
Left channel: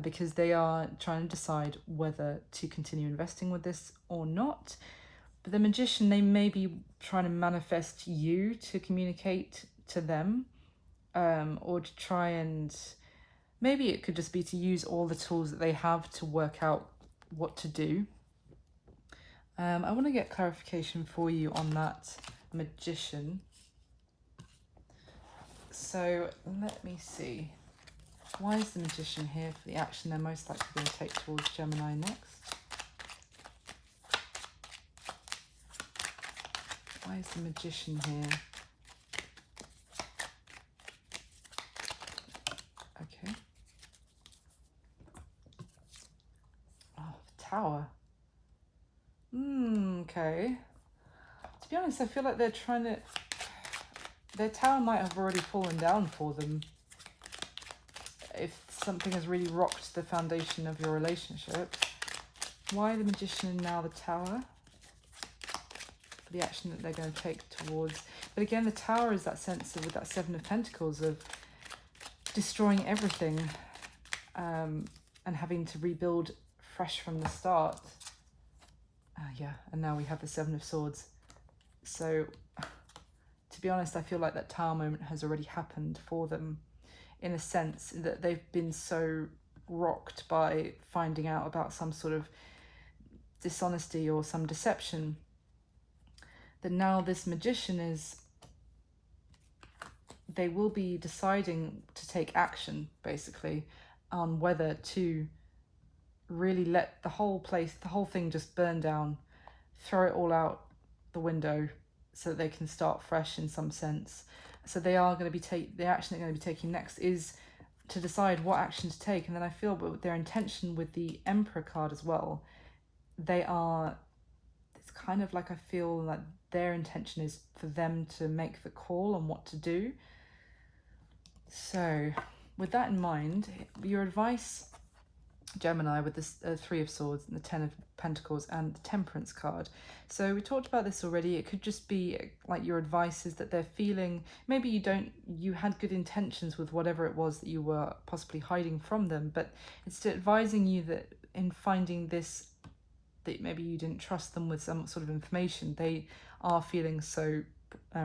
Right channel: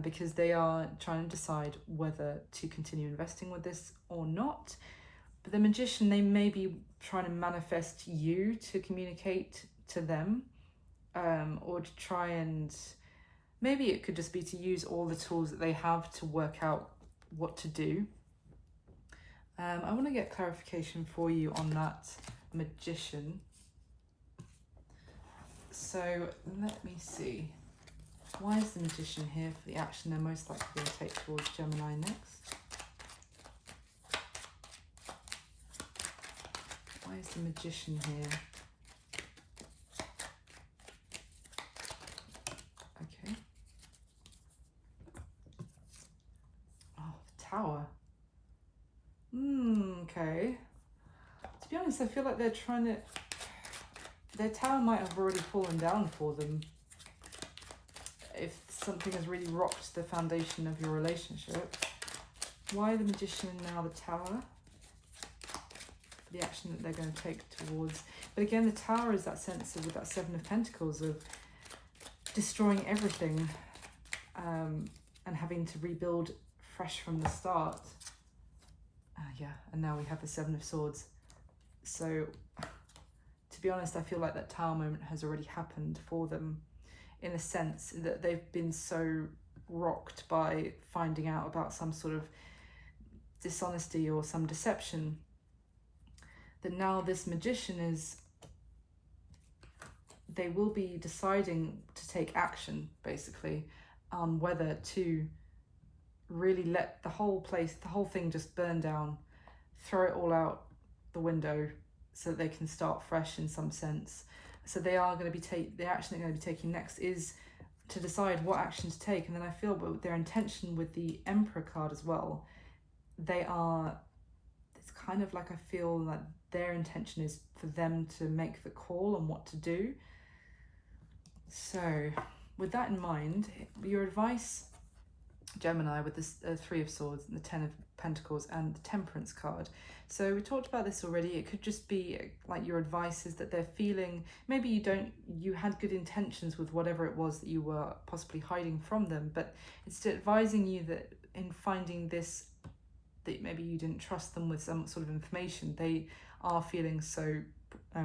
because they are trying to decide whether to continue investing with this or not. But the Magician, they may be trying to manifest you to communicate to them, or to try and, maybe it could just be to use all the tools that they have to work out what to do. I want to get clarification for you on that Magician. So let me see. Why is the Magician here for the action they're most likely to take towards Gemini next? Why is the Magician here? Okay. Oh, Tower. Okay. To be honest, I feel like they're trying to... Their tower might have already fallen down for them if something has really rocked the foundation of your relationship. Why the Magician and now the Tower? The action that they're going to take towards... But again, the Tower is that sense of, with that Seven of Pentacles, of destroying everything and having to rebuild fresh from the start. Yeah, and now we have the Seven of Swords. So, to be honest, I feel like that Tower moment has already happened for them, in a sense that they've been so rocked by finding out about some sort of dishonesty or some deception, that now this Magician is, they will be deciding to take action, basically, on whether to really let the whole place, the whole thing just burn down, throw it all out the window so that they can start fresh in some sense. So they are going to be the action they're going to be taking next is to decide what action to take. And then I feel, but their intention with the Emperor card as well, they are, it's kind of like, I feel like their intention is for them to make the call on what to do. So with that in mind, your advice, Gemini, with this Three of Swords and the Ten of Pentacles and the Temperance card. So we talked about this already. It could just be like your advice is that they're feeling, maybe you had good intentions with whatever it was that you were possibly hiding from them, but it's advising you that in finding this, that maybe you didn't trust them with some sort of information. They are feeling so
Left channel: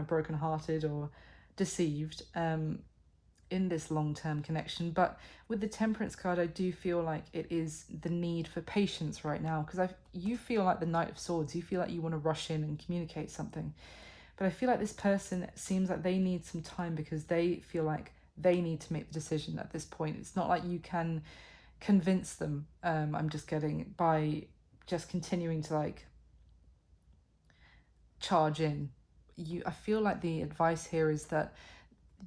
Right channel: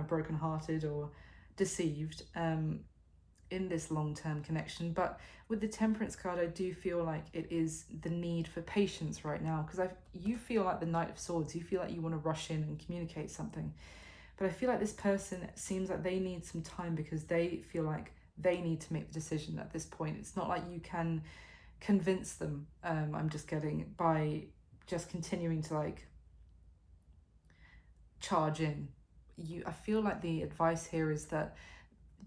brokenhearted or deceived, in this long-term connection. But with the Temperance card, I do feel like it is the need for patience right now, because you feel like the Knight of Swords, you feel like you want to rush in and communicate something. But I feel like this person seems like they need some time, because they feel like they need to make the decision at this point. It's not like you can convince them, I'm just getting, by just continuing to like charge in. I feel like the advice here is that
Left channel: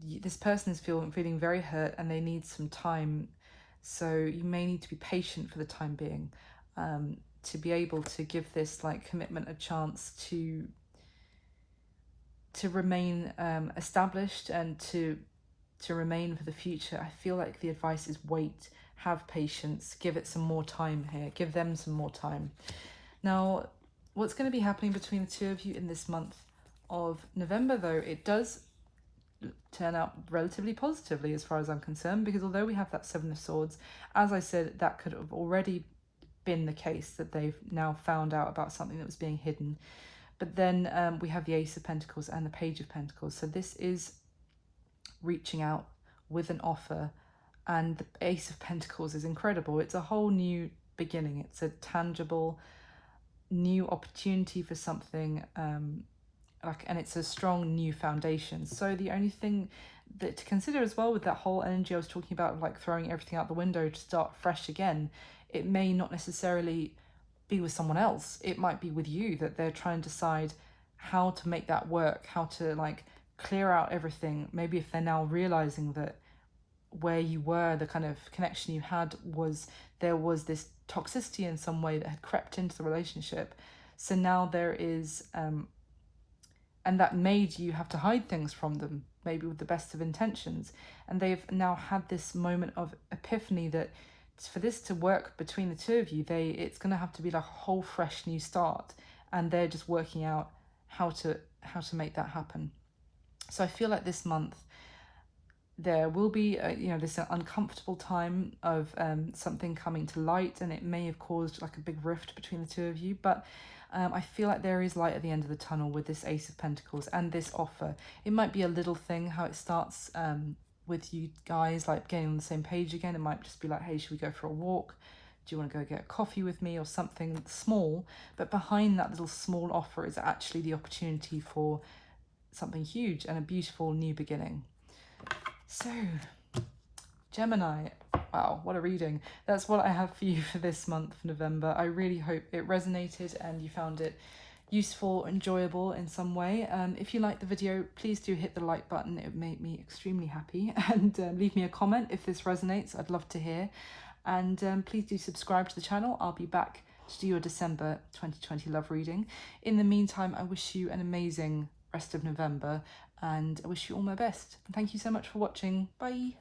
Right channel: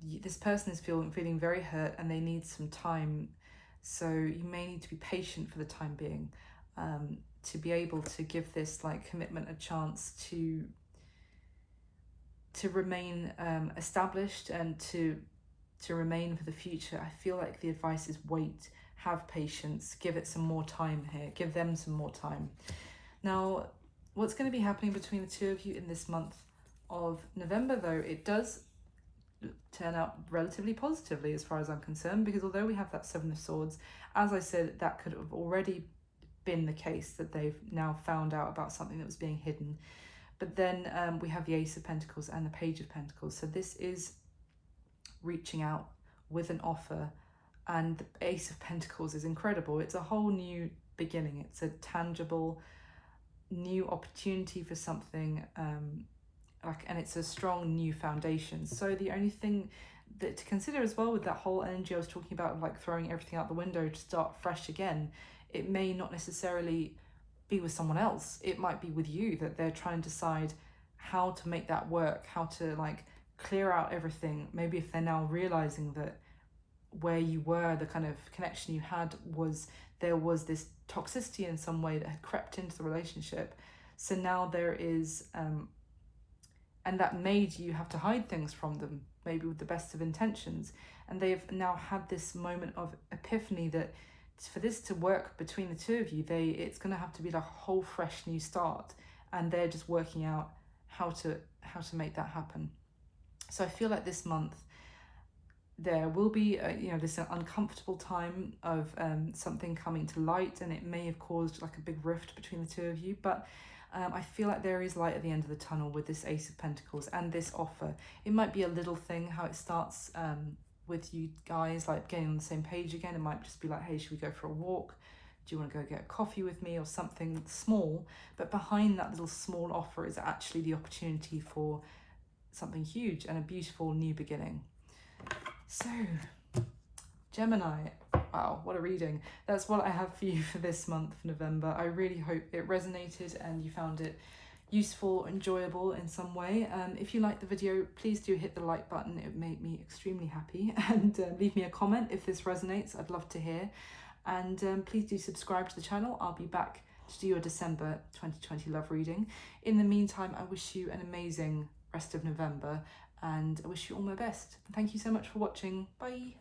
this person is feeling very hurt and they need some time. So you may need to be patient for the time being, to be able to give this like commitment a chance to remain established and to remain for the future. I feel like the advice is wait, have patience, give it some more time here, give them some more time. Now, what's going to be happening between the two of you in this month of November, though, it does turn out relatively positively as far as I'm concerned, because although we have that Seven of Swords, as I said, that could have already been the case, that they've now found out about something that was being hidden. But then we have the Ace of Pentacles and the Page of Pentacles. So this is reaching out with an offer, and the Ace of Pentacles is incredible. It's a whole new beginning. It's a tangible new opportunity for something, and it's a strong new foundation. So the only thing that to consider as well with that whole energy I was talking about, like throwing everything out the window to start fresh again, it may not necessarily be with someone else. It might be with you, that they're trying to decide how to make that work, how to like clear out everything. Maybe if they're now realizing that where you were, the kind of connection you had, was there was this toxicity in some way that had crept into the relationship. So now there is and that made you have to hide things from them, maybe with the best of intentions. And they've now had this moment of epiphany that for this to work between the two of you, it's going to have to be like a whole fresh new start, and they're just working out how to make that happen. So I feel like this month there will be this uncomfortable time of something coming to light, and it may have caused like a big rift between the two of you, but I feel like there is light at the end of the tunnel with this Ace of Pentacles and this offer. It might be a little thing how it starts with you guys like getting on the same page again. It might just be like, hey, should we go for a walk? Do you want to go get a coffee with me, or something small? But behind that little small offer is actually the opportunity for something huge and a beautiful new beginning. So, Gemini, wow, what a reading. That's what I have for you for this month of November. I really hope it resonated and you found it useful, enjoyable in some way. If you liked the video, please do hit the like button. It would make me extremely happy. And leave me a comment if this resonates. I'd love to hear. And please do subscribe to the channel. I'll be back to do your December 2020 love reading. In the meantime, I wish you an amazing rest of November, and I wish you all my best. Thank you so much for watching. Bye.